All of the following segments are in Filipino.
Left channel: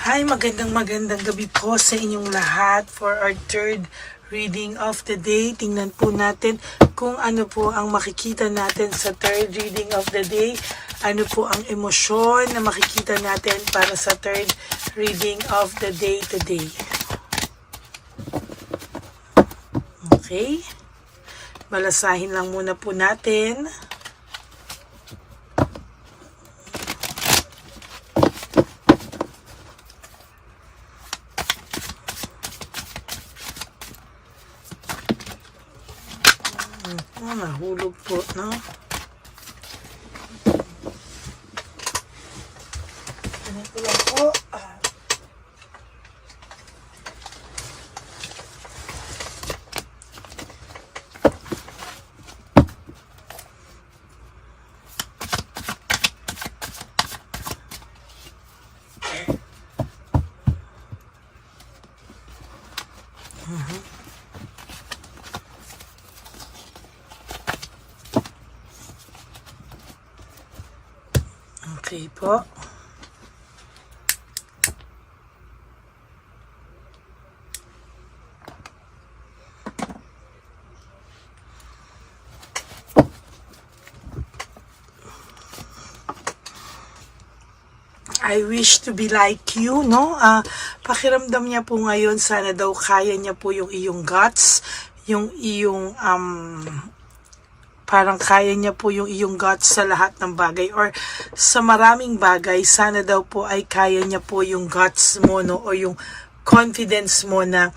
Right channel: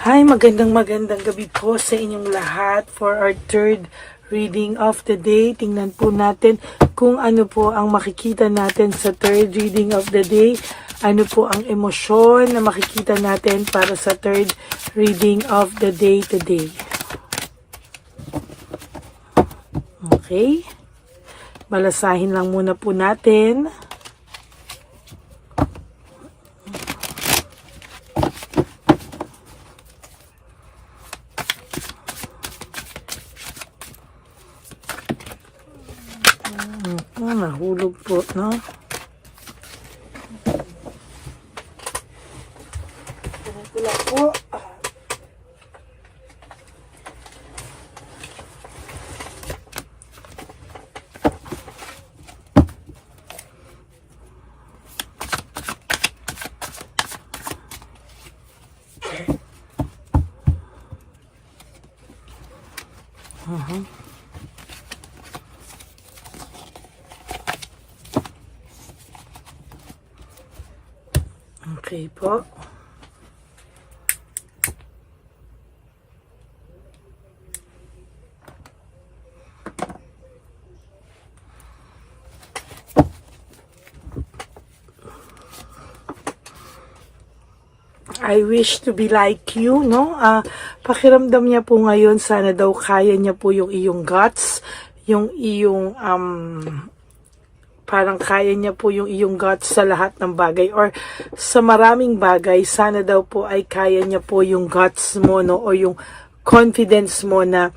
Hi, magandang gabi po sa inyong lahat for our third reading of the day. Tingnan po natin kung ano po ang makikita natin sa third reading of the day. Ano po ang emosyon na makikita natin para sa third reading of the day today. Okay. Balasahin lang muna po natin. Nahulog po, no? Ito lang po. Okay po. I wish to be like you, no? Pakiramdam niya po ngayon, sana daw kaya niya po yung iyong guts, yung iyong parang kaya niya po yung iyong guts sa lahat ng bagay or sa maraming bagay. Sana daw po ay kaya niya po yung guts mo, no, o yung confidence mo na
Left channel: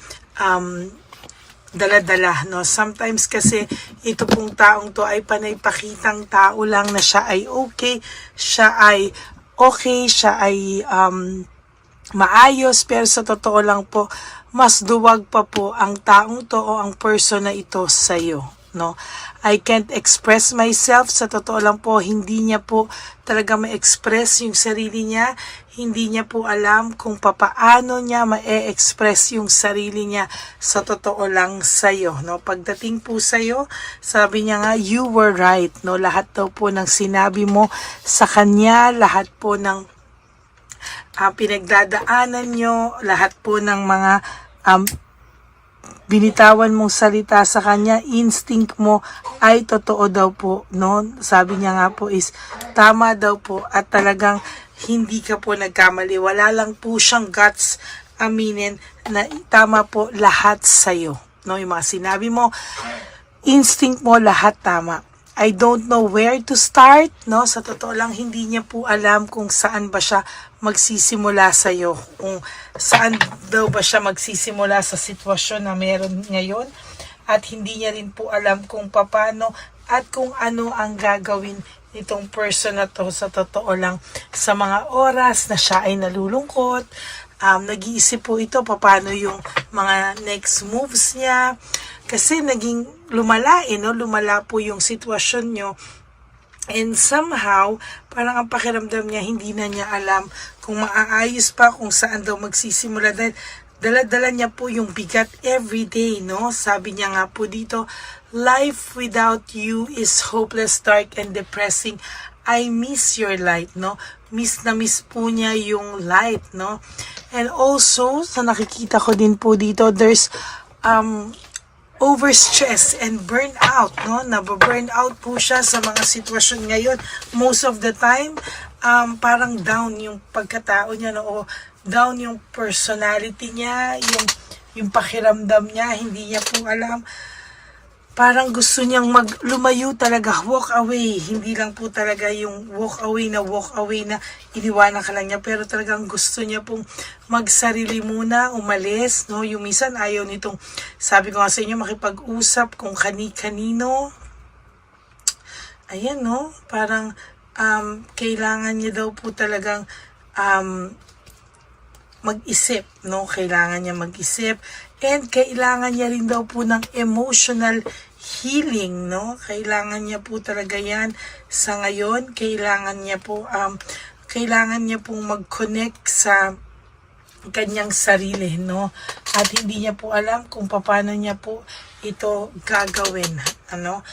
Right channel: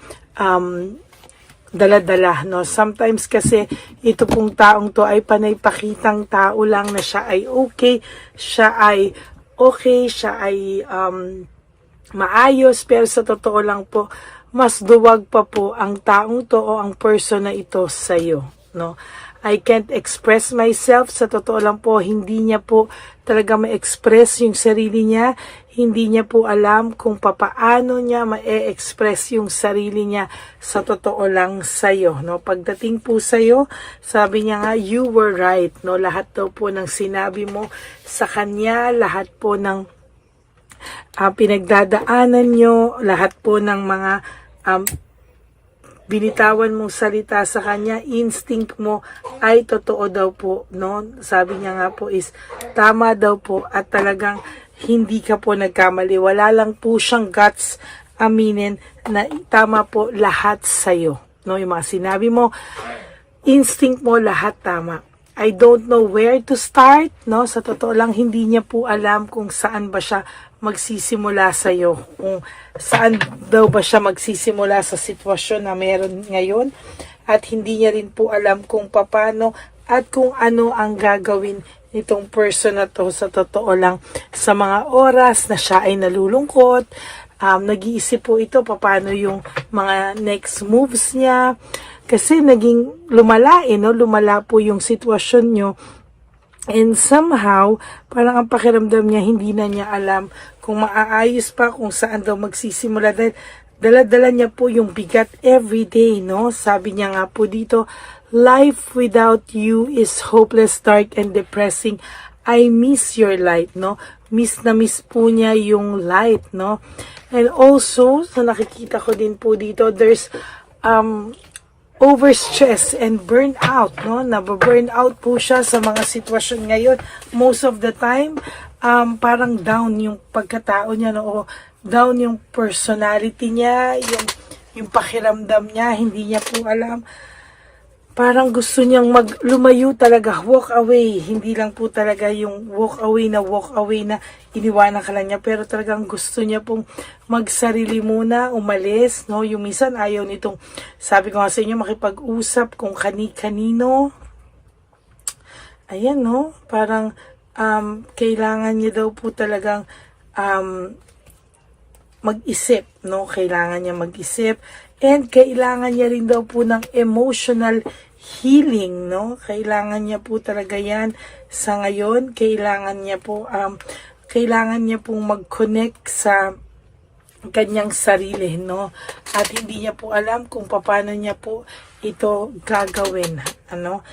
dala-dala, no. Sometimes kasi ito pong taong to ay panay pakitang tao lang na siya ay okay, siya ay maayos, pero sa totoo lang po mas duwag pa po ang taong to o ang person na ito sa iyo, no. I can't express myself. Sa totoo lang po, hindi niya po talaga ma-express yung sarili niya. Hindi niya po alam kung papaano niya ma-express yung sarili niya sa totoo lang sa'yo, no? Pagdating po sa'yo, sabi niya nga, you were right, no? Lahat daw po ng sinabi mo sa kanya, lahat po ng pinagdadaanan nyo, lahat po ng mga binitawan mong salita sa kanya, instinct mo ay totoo daw po, no? Sabi niya nga po is tama daw po at talagang hindi ka po nagkamali. Wala lang po siyang guts aminin na tama po lahat sa'yo, no? Yung mga sinabi mo, instinct mo, lahat tama. I don't know where to start, no? Sa totoo lang, hindi niya po alam kung saan ba siya magsisimula sa iyo, kung saan daw ba siya magsisimula sa sitwasyon na meron ngayon, at hindi niya rin po alam kung paano at kung ano ang gagawin nitong person na to. Sa totoo lang, sa mga oras na siya ay nalulungkot, nag-iisip po ito paano yung mga next moves niya, kasi naging lumala, no? Lumala po yung sitwasyon nyo. And somehow, parang ang pakiramdam niya, hindi na niya alam kung maaayos pa, kung saan daw magsisimula. Dahil dala-dala niya po yung bigat everyday, no? Sabi niya nga po dito, life without you is hopeless, dark, and depressing. I miss your light, no? Miss na miss po niya yung light, no? And also, sa nakikita ko din po dito, there's overstress and burnout, no? Nababurnout po siya sa mga sitwasyon ngayon. Most of the time, parang down yung pagkatao niya, no? O down yung personality niya, yung pakiramdam niya, hindi niya po alam. Parang gusto niyang lumayo talaga, walk away. Hindi lang po talaga yung walk away na iniwanan ka lang niya, pero talagang gusto niya pong magsarili muna, umalis, no? Yung minsan ayaw nitong, sabi ko nga sa inyo, makipag-usap kung kani-kanino. Ayan, no? Parang kailangan niya daw po talagang mag-isip, no? Kailangan niya mag-isip. And kailangan niya rin daw po ng emotional healing, no? Kailangan niya po talaga yan sa ngayon. Kailangan niya pong mag-connect sa kanyang sarili, no? At hindi niya po alam kung paano niya po ito gagawin, ano?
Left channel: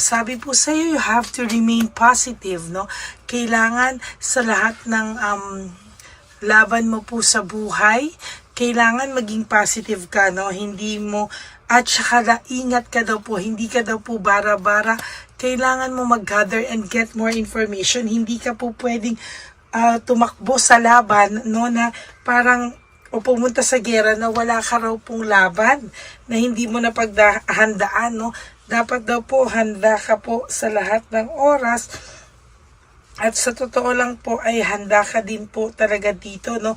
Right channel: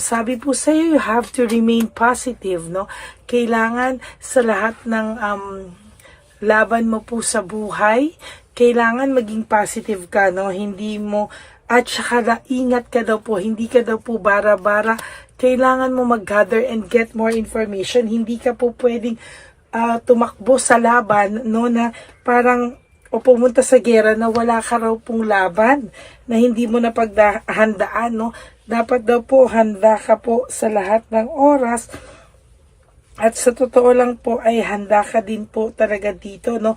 Sabi po sa iyo, you have to remain positive, no? Kailangan sa lahat ng laban mo po sa buhay, kailangan maging positive ka, no? Hindi mo, at saka ingat ka daw po, hindi ka daw po bara-bara, kailangan mo mag-gather and get more information, hindi ka po pwedeng tumakbo sa laban, no, na parang o pumunta sa gera na wala ka raw pong laban, na hindi mo na paghandaan, no? Dapat daw po handa ka po sa lahat ng oras, at sa totoo lang po ay handa ka din po talaga dito, no?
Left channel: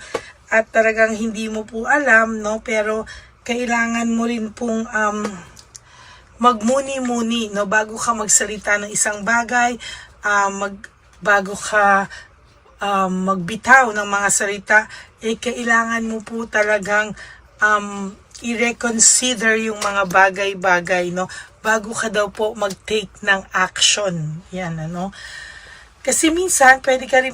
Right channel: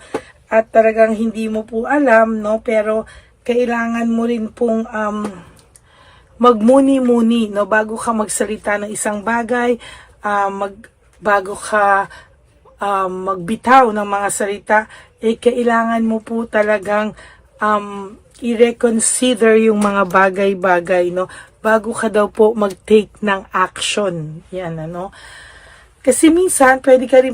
At talagang hindi mo po alam, no? Pero kailangan mo rin pong magmuni-muni, no? Bago ka magsalita ng isang bagay, bago ka magbitaw ng mga salita, kailangan mo po talagang i-reconsider yung mga bagay-bagay, no? Bago ka daw po mag-take ng action. Yan, ano? Kasi minsan, pwede rin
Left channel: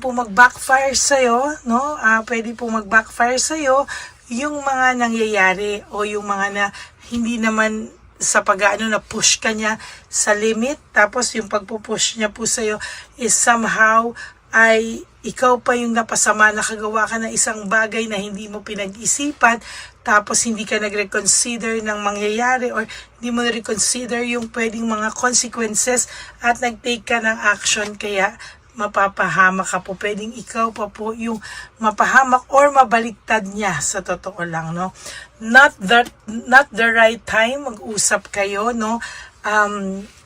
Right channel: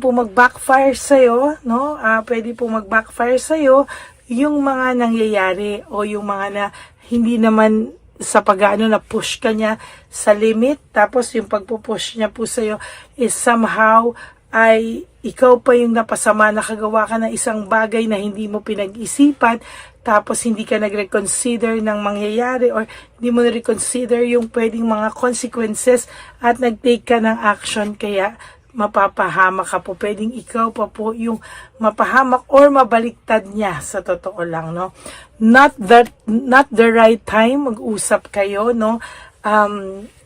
pong mag-backfire sa'yo, no? Pwede pong mag-backfire sa'yo yung mga nangyayari o yung mga na hindi naman sa pag-ano na push ka niya sa limit, tapos yung pagpupush niya po sa'yo is somehow ay ikaw pa yung napasama, nakagawa ka ng isang bagay na hindi mo pinag-isipan, tapos hindi ka nag-reconsider ng mangyayari or hindi mo na-reconsider yung pwedeng mga consequences at nag-take ka ng action, kaya mapapahamak ka po. Pwedeng ikaw pa po yung mapahamak or mabaliktad niya, sa totoo lang, no? Not the right time, mag-usap kayo, no?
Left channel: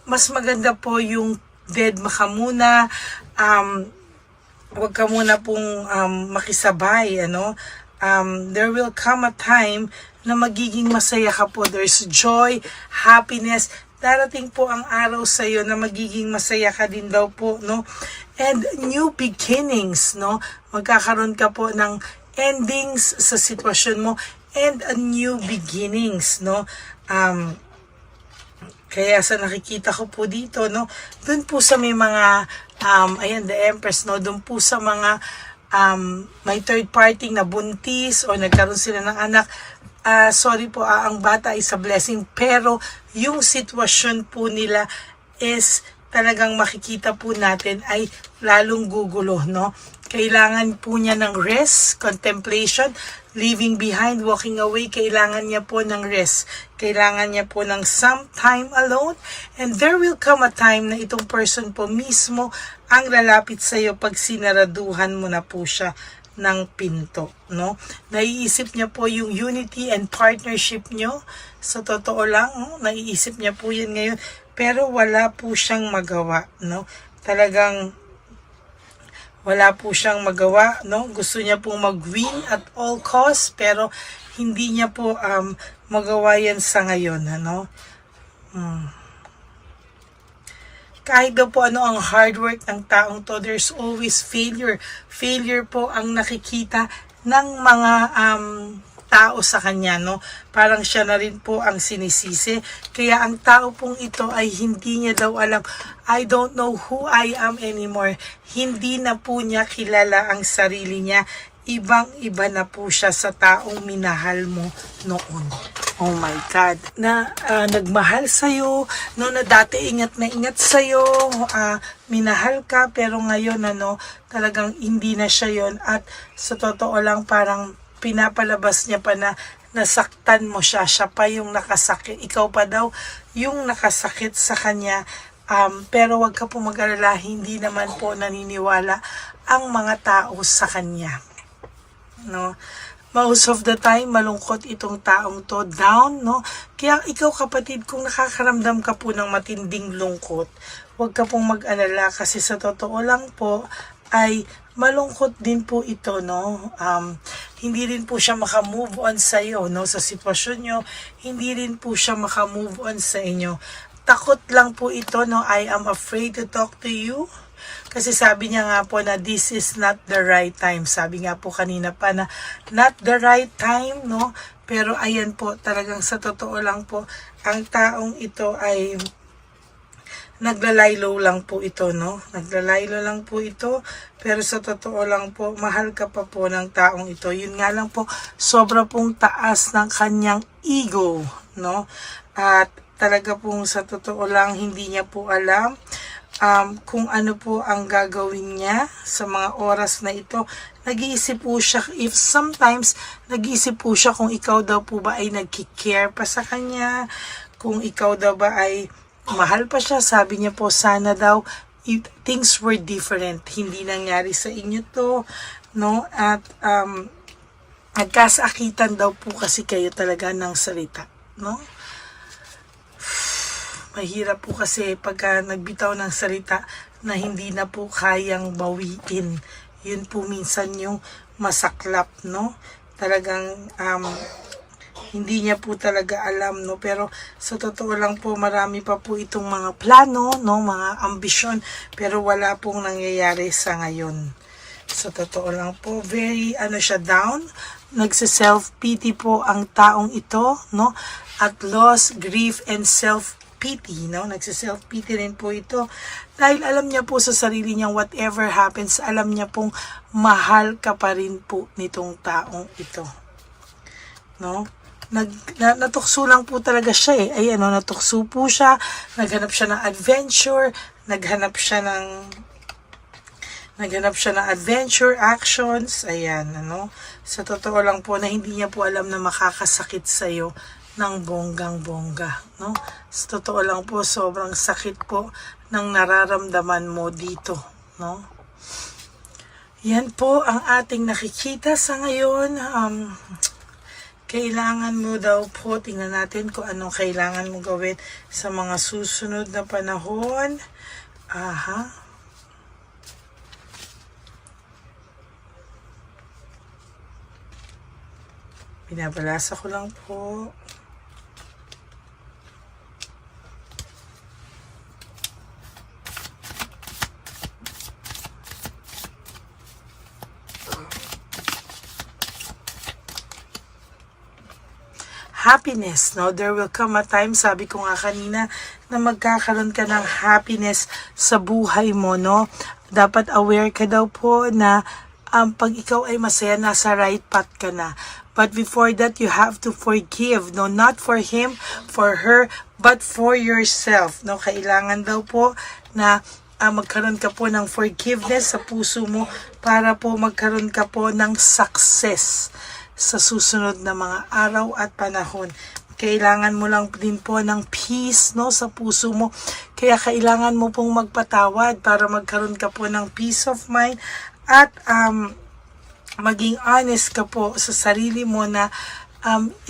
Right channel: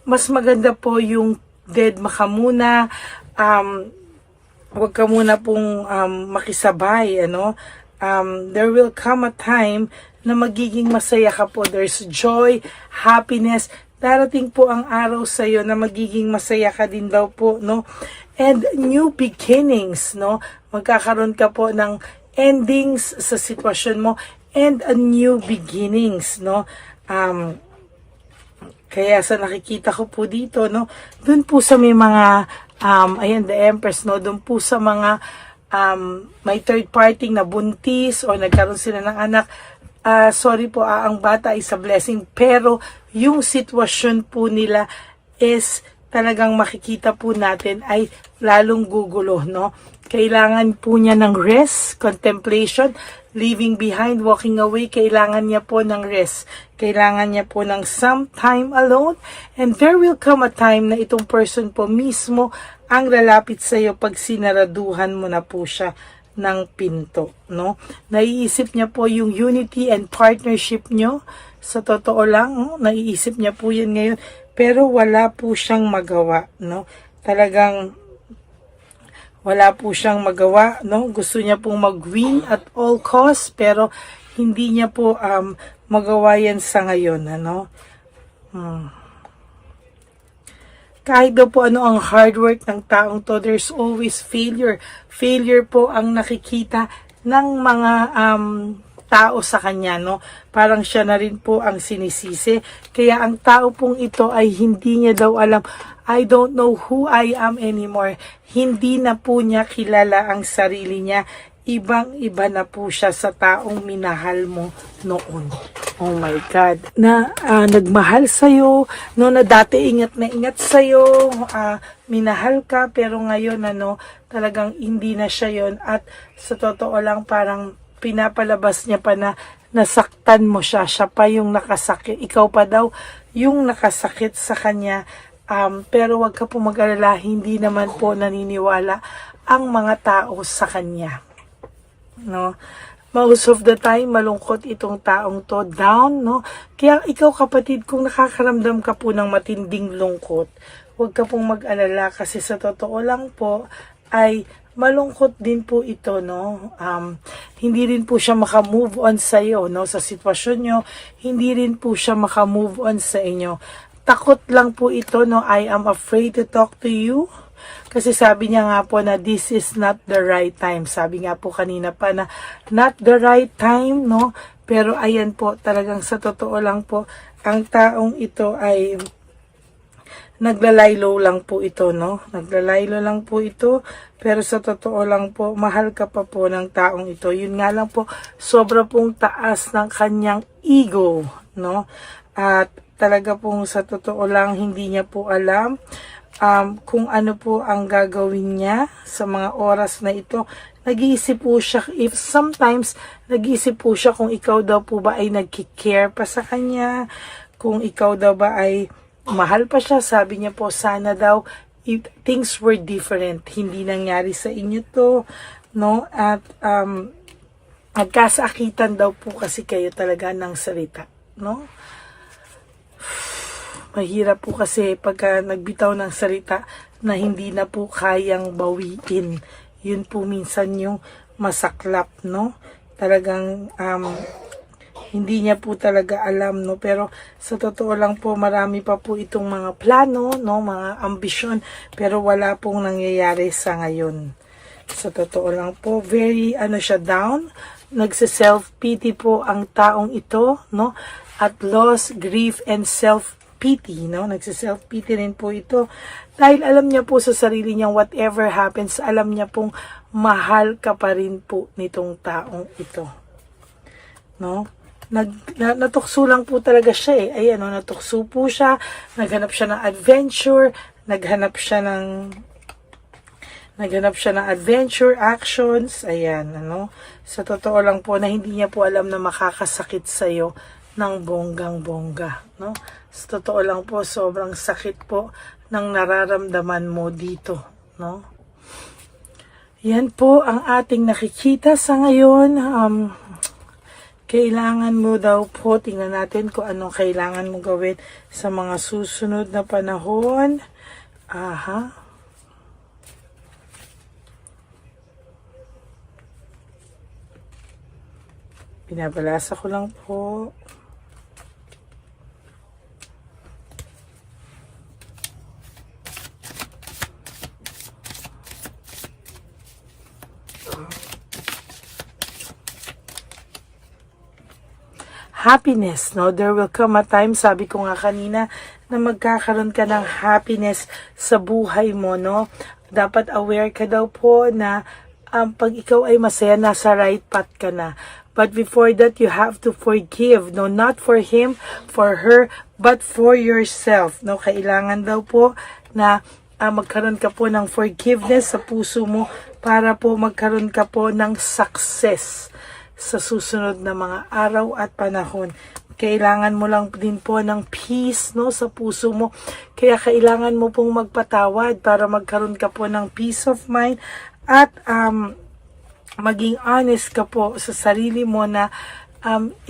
Mas maganda po yung dead maka muna, huwag ka muna pong makisabay, ano? There will come a time na magiging masaya ka po. There's joy, happiness. Darating po ang araw sa iyo na magiging masaya ka din daw po, no? And new beginnings, no? Magkakaroon ka po ng endings sa sitwasyon mo and a new beginnings, no? Kaya sa nakikita ko po dito, no? Doon po sa may mga ayan, the Empress, no? Doon po sa mga may third party na buntis o nagkaroon sila ng anak, sorry po, ang bata is a blessing, pero yung sitwasyon po nila is talagang makikita po natin ay lalong gugulo, no? Kailangan po niya ng rest, contemplation, leaving behind, walking away. Kailangan niya po ng rest. Kailangan niya po ng some time alone. And there will come a time na itong person po mismo ang lalapit sa iyo pag sinaraduhan mo na po siya ng pinto, no? Naiisip niya po yung unity and partnership nyo. Sa totoo lang, no? Naiisip niya po yan ngayon. Pero wala po siyang magawa, no? Talagang wala po siyang magawa, no? Gusto niya pong mag-win at all cost, pero hindi niya po magawa yan sa ngayon, ano? Kahit daw po ano ang hard work ng taong to, there's always failure. Failure po ang nakikita ng mga tao sa kanya, no? Parang siya na rin po ang sinisisi. Kaya ang tao pong ito ay hindi niya daw alam, I don't know who I am anymore. Hindi na po niya kilala ang sarili niya. Ibang-iba na po siya sa taong minahal mo noon. Oh my God. Na nagmahal sa'yo, no, na dati ingat na ingat sa'yo, minahal ka, pero ngayon, ano, talagang hindi na siya yon. At sa totoo lang, parang pinapalabas niya pa na nasaktan mo siya. Siya pa yung nakasakit. Ikaw pa daw yung nakasakit sa kanya. Pero wag ka po mag-alala, hindi naman po naniniwala ang mga tao sa kanya. No? Most of the time, malungkot itong taong to, down, no? Kaya ikaw, kapatid, kung nakakaramdam ka po ng matinding lungkot, huwag ka pong mag-alala, kasi sa totoo lang po ay malungkot din po ito, no? Hindi rin po siya maka-move on sa iyo, no? Sa sitwasyon nyo, hindi rin po siya maka-move on sa inyo. Takot lang po ito, no? I am afraid to talk to you. Kasi sabi niya nga po na this is not the right time. Sabi nga po kanina pa na not the right time, no? Pero ayan po, talagang sa totoo lang po, ang taong ito ay naglalaylo lang po ito, no? Naglalaylo lang po ito, pero sa totoo lang po, mahal ka pa po ng taong ito. Yun nga lang po, sobra pong taas ng kanyang ego, no? At talaga pong sa totoo lang, hindi niya po alam kung ano po ang gagawin niya sa mga oras na ito nag-iisip po siya, if sometimes, nag-iisip po siya kung ikaw daw po ba ay nagki-care pa sa kanya, kung ikaw daw ba ay mahal pa siya. Sabi niya po, sana daw, if things were different, hindi nangyari sa inyo to, no? At, nagkasakitan daw po kasi kayo talaga ng salita, no? Mahirap po kasi pagka nagbitaw ng salita na hindi na po kayang bawiin. Yun po minsan yung masaklap, no? Talagang hindi niya po talaga alam, no? Pero sa totoo lang po, marami pa po itong mga plano, no? Mga ambisyon, pero wala pong nangyayari sa ngayon. Sa totoo lang po, very siya down. Nagse-self-pity po ang taong ito, no? At loss, grief, and self-pity, no? Nagse-self-pity rin po ito. Dahil alam niya po sa sarili niya, whatever happens, alam niya pong mahal ka pa rin po nitong taong ito. No? Natukso lang po talaga siya eh. Ayan, no? Natukso po siya. Naghanap siya ng adventure. Naghanap siya ng adventure actions. Ayan, ano? Sa totoo lang po na hindi niya po alam na makakasakit sa'yo ng bonggang-bongga, no? Sa totoo lang po, sobrang sakit po ng nararamdaman mo dito, no? Yan po ang ating nakikita sa ngayon. Kailangan mo daw po, tingnan natin kung anong kailangan mo gawin sa mga susunod na panahon. Aha. Binabalasa ko lang po. Happiness, no? There will come a time, sabi ko nga kanina, na magkakaroon ka ng happiness sa buhay mo, no? Dapat aware ka daw po na pag ikaw ay masaya, nasa right path ka na. But before that, you have to forgive, no? Not for him, for her, but for yourself, no? Kailangan daw po na magkaroon ka po ng forgiveness sa puso mo para po magkaroon ka po ng success sa susunod na mga araw at panahon. Kailangan mo lang din po ng peace, no, sa puso mo. Kaya kailangan mo pong magpatawad para magkaroon ka po ng peace of mind at maging honest ka po sa sarili mo na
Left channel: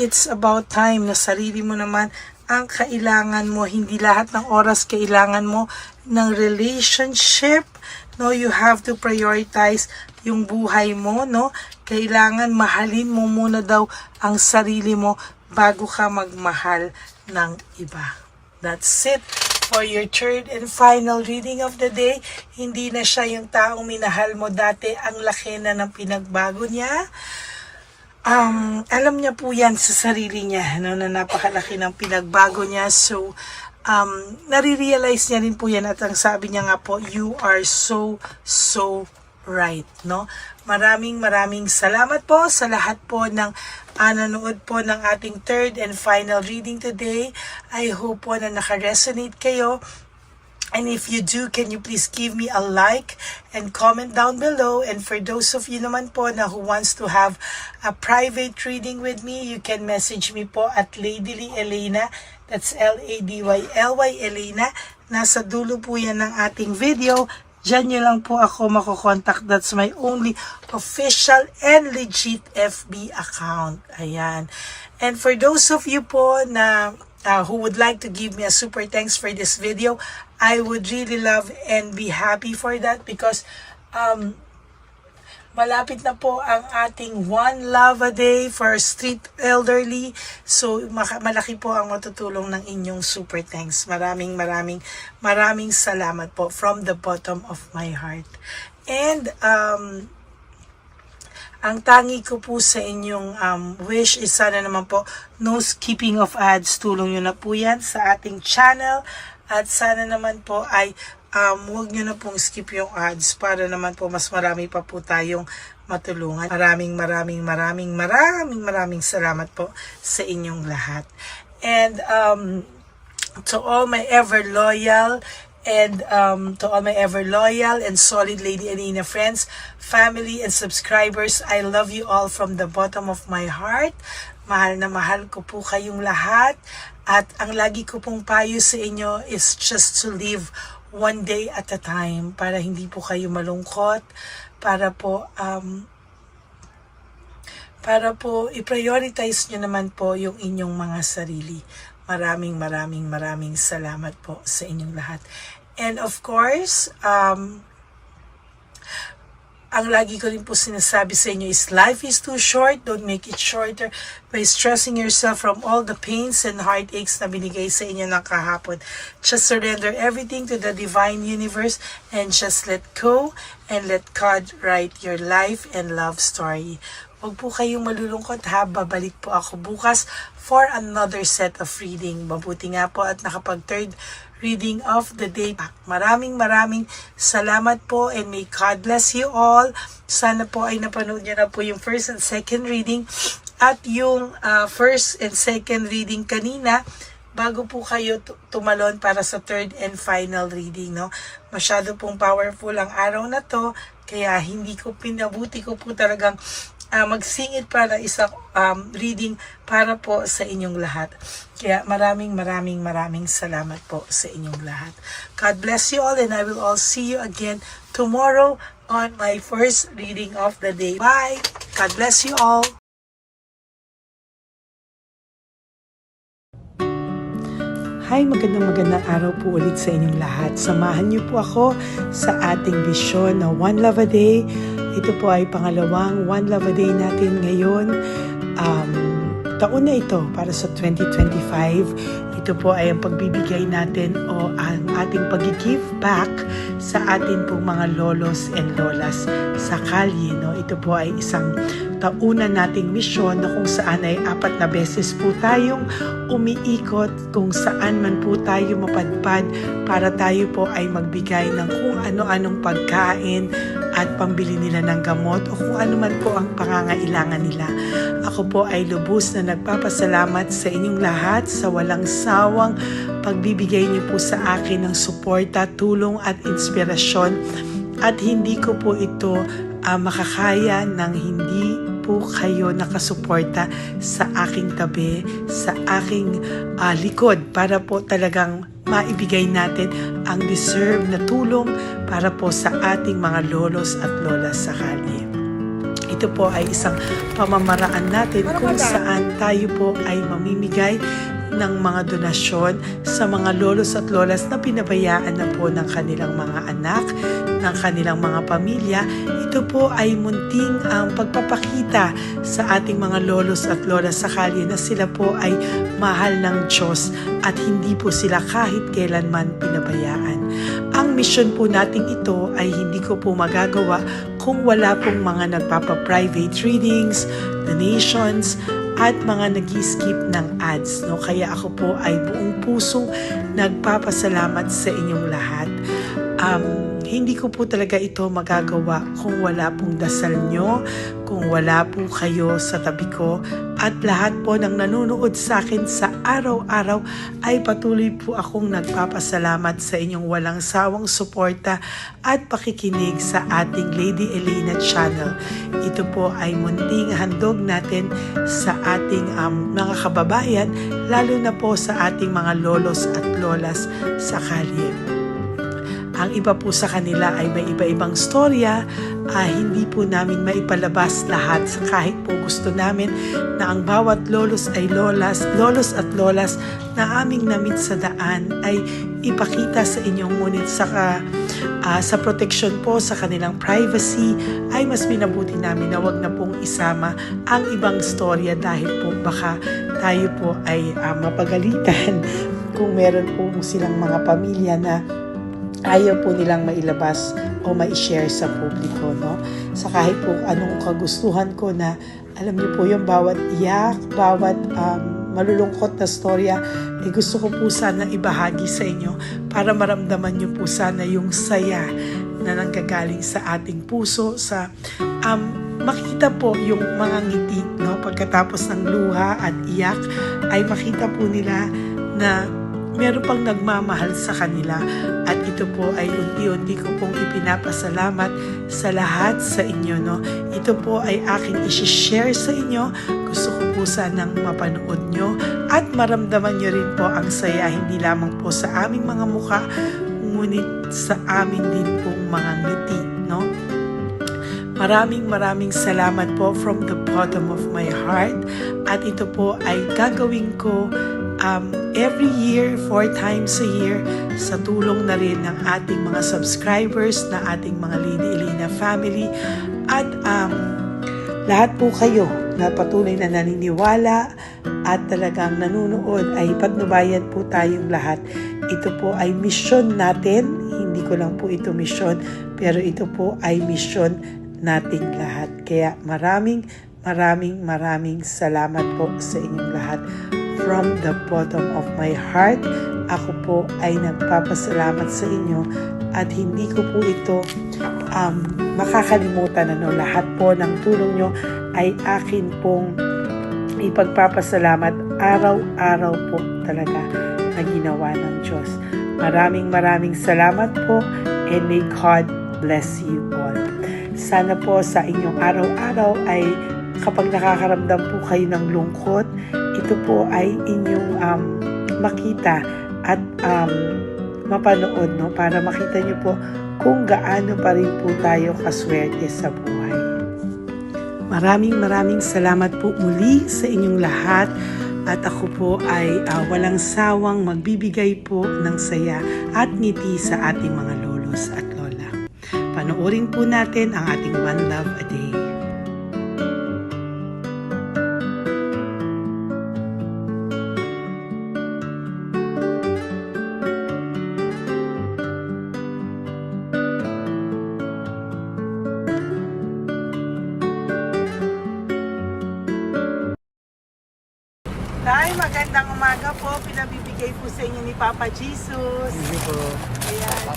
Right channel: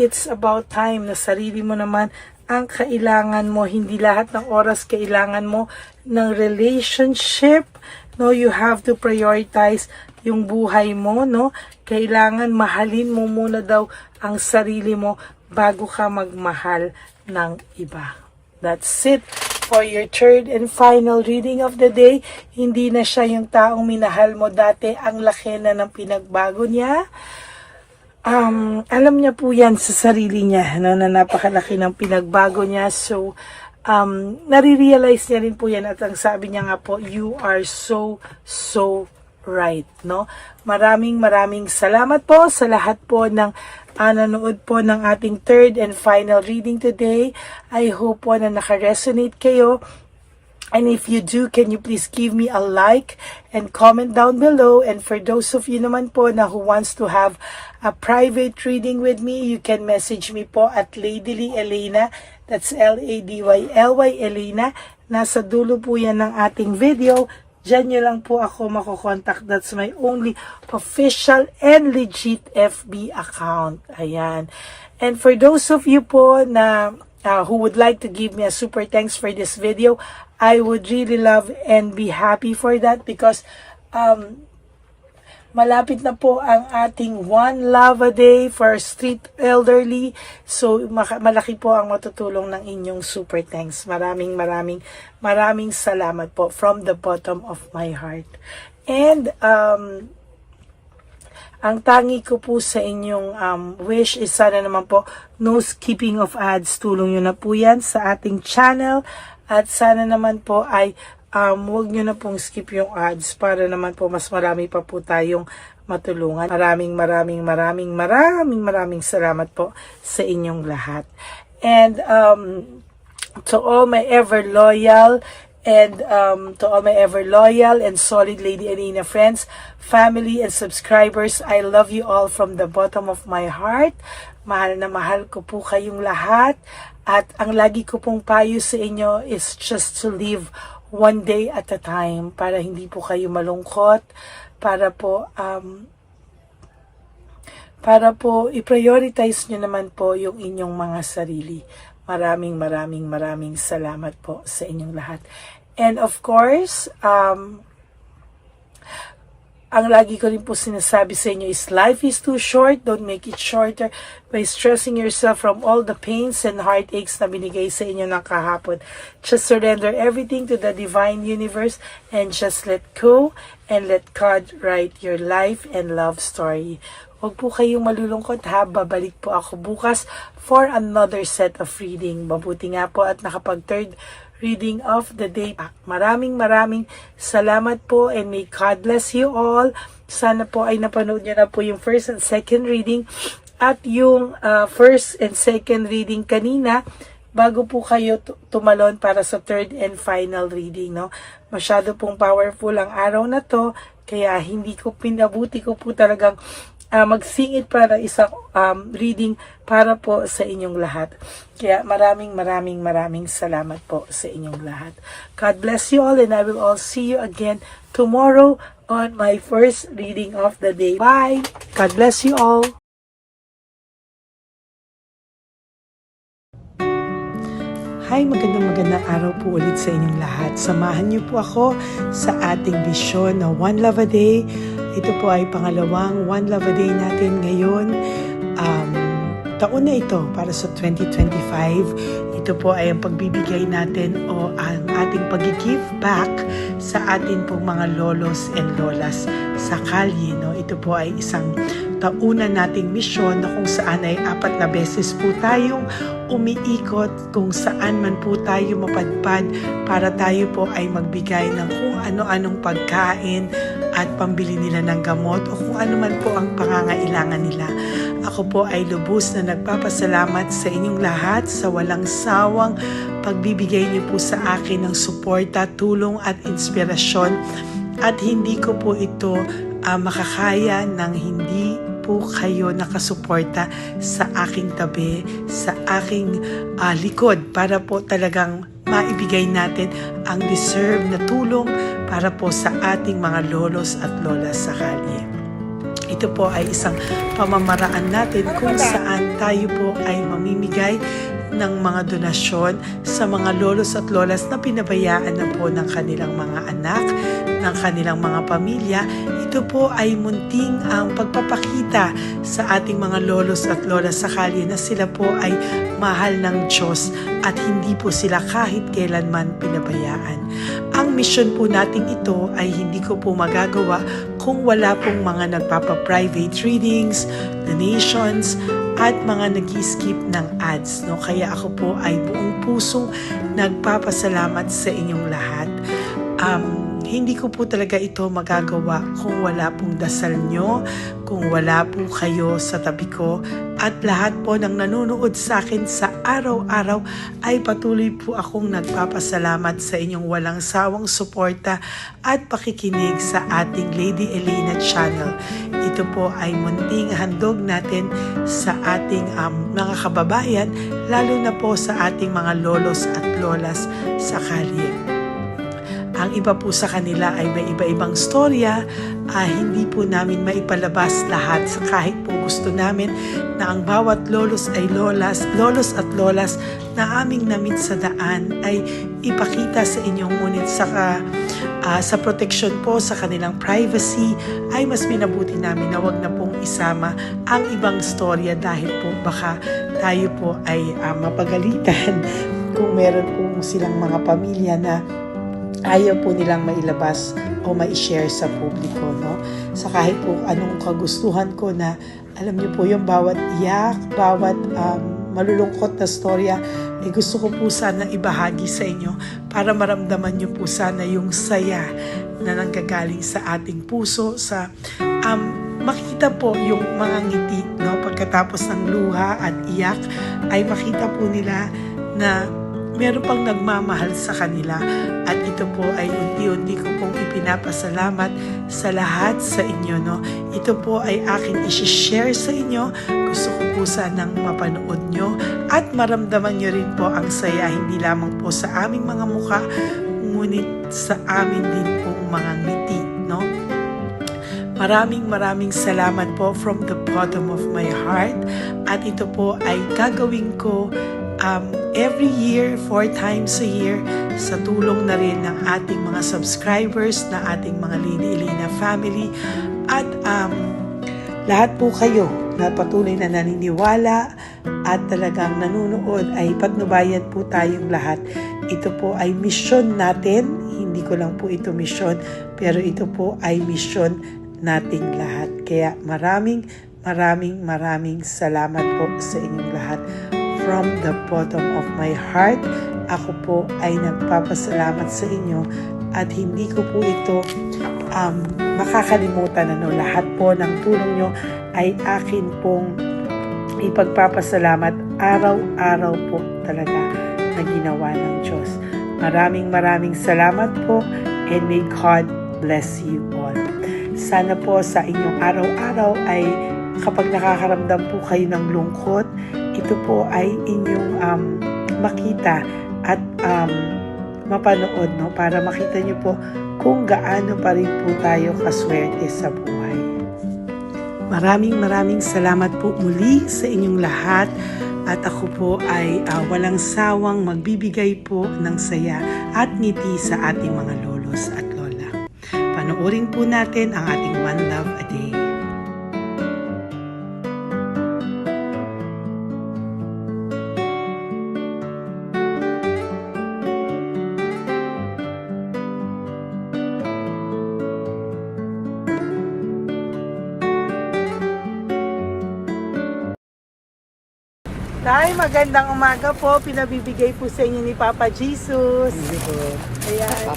it's about time na sarili mo naman ang kailangan mo. Hindi lahat ng oras kailangan mo ng relationship. No, you have to prioritize yung buhay mo, no? Kailangan mahalin mo muna daw ang sarili mo bago ka magmahal ng iba. That's it for your third and final reading of the day. Hindi na siya yung taong minahal mo dati. Ang laki na ng pinagbago niya. Alam niya po yan sa sarili niya, no, na napakalaki ng pinagbago niya. So, nare-realize niya rin po yan at ang sabi niya nga po, you are so right, no? Maraming salamat po sa lahat po ng nanood po ng ating third and final reading today. I hope po na naka-resonate kayo. And if you do, can you please give me a like and comment down below? And for those of you naman po na who wants to have a private reading with me, you can message me po at Ladyly Elena. That's L-A-D-Y-L-Y Elena. Nasa dulo po yan ng ating video. Diyan nyo lang po ako makokontak. That's my only official and legit FB account. Ayan. And for those of you po na who would like to give me a super thanks for this video, I would really love and be happy for that because malapit na po ang ating One Love a Day for Street Elderly. So, malaki po ang matutulong ng inyong super thanks. Maraming salamat po from the bottom of my heart. And, ang tangi ko po sa inyong wish is sana naman po no skipping of ads. Tulong nyo na po yan sa ating channel. At sana naman po ay huwag nyo na pong skip yung ads para naman po mas marami pa po tayong matulungan. Maraming salamat po sa inyong lahat. And to all my ever loyal And to all my ever loyal and solid Lady Alina friends, family and subscribers, I love you all from the bottom of my heart. Mahal na mahal ko po kayong lahat. At ang lagi ko pong payo sa inyo is just to live one day at a time para hindi po kayo malungkot, para po i-prioritize nyo naman po yung inyong mga sarili. Maraming salamat po sa inyong lahat. And of course, ang lagi ko rin po sinasabi sa inyo is life is too short. Don't make it shorter by stressing yourself from all the pains and heartaches na binigay sa inyo ng kahapon. Just surrender everything to the divine universe and just let go and let God write your life and love story. Huwag po kayong malulungkot ha. Babalik po ako bukas for another set of reading. Mabuti nga po at nakapag third reading of the day. Maraming salamat po and may God bless you all. Sana po ay napanood nyo na po yung first and second reading at yung first and second reading kanina bago po kayo tumalon para sa third and final reading. No? Masyado pong powerful ang araw na to kaya hindi ko pinabuti ko po talagang magsingit para isang reading para po sa inyong lahat. Kaya maraming salamat po sa inyong lahat. God bless you all and I will all see you again tomorrow on my first reading of the day. Bye! God bless you all! Hi, magandang araw po ulit sa inyong lahat. Samahan niyo po ako sa ating vision na One Love a Day. Ito po ay pangalawang One Love a Day natin ngayon. Taon na ito para sa 2025. Ito po ay ang pagbibigay natin o ang ating pag-give back sa atin pong mga lolos and lolas sa kalye. No? Ito po ay isang taunan nating misyon na kung saan ay 4 na beses po tayong umiikot kung saan man po tayo mapadpad para tayo po ay magbigay ng kung ano-anong pagkain at pambili nila ng gamot o kung ano man po ang pangangailangan nila. Ako po ay lubos na nagpapasalamat sa inyong lahat sa walang sawang pagbibigay niyo po sa akin ng suporta, tulong at inspirasyon at hindi ko po ito makakaya ng hindi po kayo nakasuporta sa aking tabi, sa aking likod para po talagang maibigay natin ang deserve na tulong para po sa ating mga lolos at lolas sa kalye. Ito po ay isang pamamaraan natin kung saan tayo po ay mamimigay ng mga donasyon sa mga lolos at lolas na pinabayaan na po ng kanilang mga anak, ng kanilang mga pamilya. Ito po ay munting ang pagpapakita sa ating mga lolos at lolas sa kalye na sila po ay mahal ng Diyos at hindi po sila kahit kailanman pinabayaan. Ang mission po natin ito ay hindi ko po magagawa kung wala pong mga nagpapa-private readings, donations, at mga nag-skip ng ads. No? Kaya ako po ay buong pusong nagpapasalamat sa inyong lahat. Hindi ko po talaga ito magagawa kung wala pong dasal nyo, kung wala po kayo sa tabi ko, at lahat po ng nanonood sa akin sa araw-araw ay patuloy po akong nagpapasalamat sa inyong walang sawang suporta at pakikinig sa ating Lady Alina channel. Ito po ay munting handog natin sa ating mga kababayan, lalo na po sa ating mga lolos at lolas sa kalye. Ang iba po sa kanila ay may iba-ibang storya, hindi po namin maipalabas lahat sa kahit po gusto namin na ang bawat lolos ay lolos at lolas na aming namit sa daan ay ipakita sa inyong ngunit sa protection po sa kanilang privacy ay mas minabuti namin na wag na pong isama ang ibang storya dahil po baka tayo po ay mapagalitan kung meron po silang mga pamilya na ayaw po nilang mailabas o ma-share sa publiko, no? Sa kahit po anong kagustuhan ko na, alam niyo po yung bawat iyak, bawat malulungkot na storya, gusto ko po sana ibahagi sa inyo para maramdaman niyo po sana yung saya na nanggagaling sa ating puso, sa makita po yung mga ngiti, no? Pagkatapos ng luha at iyak, ay makita po nila na meron pang nagmamahal sa kanila. At ito po ay unti-unti ko pong ipinapasalamat sa lahat sa inyo. No? Ito po ay aking isi-share sa inyo. Gusto ko po sanang mapanood nyo at maramdaman nyo rin po ang saya, hindi lamang po sa aming mga mukha, ngunit sa amin din pong mga ngiti. No? Maraming salamat po from the bottom of my heart. At ito po ay gagawin ko every year, 4 times a year, sa tulong na rin ng ating mga subscribers, na ating mga Lady Elena family. At lahat po kayo na patuloy na naniniwala at talagang nanunood, ay patnubayan po tayong lahat. Ito po ay mission natin. Hindi ko lang po ito mission, pero ito po ay mission nating lahat. Kaya maraming salamat po sa inyong lahat. From the bottom of my heart, ako po ay nagpapasalamat sa inyo at hindi ko po ito makakalimutan. Lahat po ng tulong nyo ay akin pong ipagpapasalamat araw-araw po talaga na ginawa ng Diyos. Maraming salamat po, and may God bless you all. Sana po sa inyong araw-araw ay kapag nakakaramdam po kayo ng lungkot, ito po ay inyong makita at mapanood, no? Para makita nyo po kung gaano pa rin po tayo kaswerte sa buhay. Maraming salamat po muli sa inyong lahat. At ako po ay walang sawang magbibigay po ng saya at ngiti sa ating mga lolos at lola. Panoorin po natin ang ating One Love a Day. Nay, magandang umaga po. Pinabibigay po sa inyo ni Papa Jesus. Thank you po. Ayan.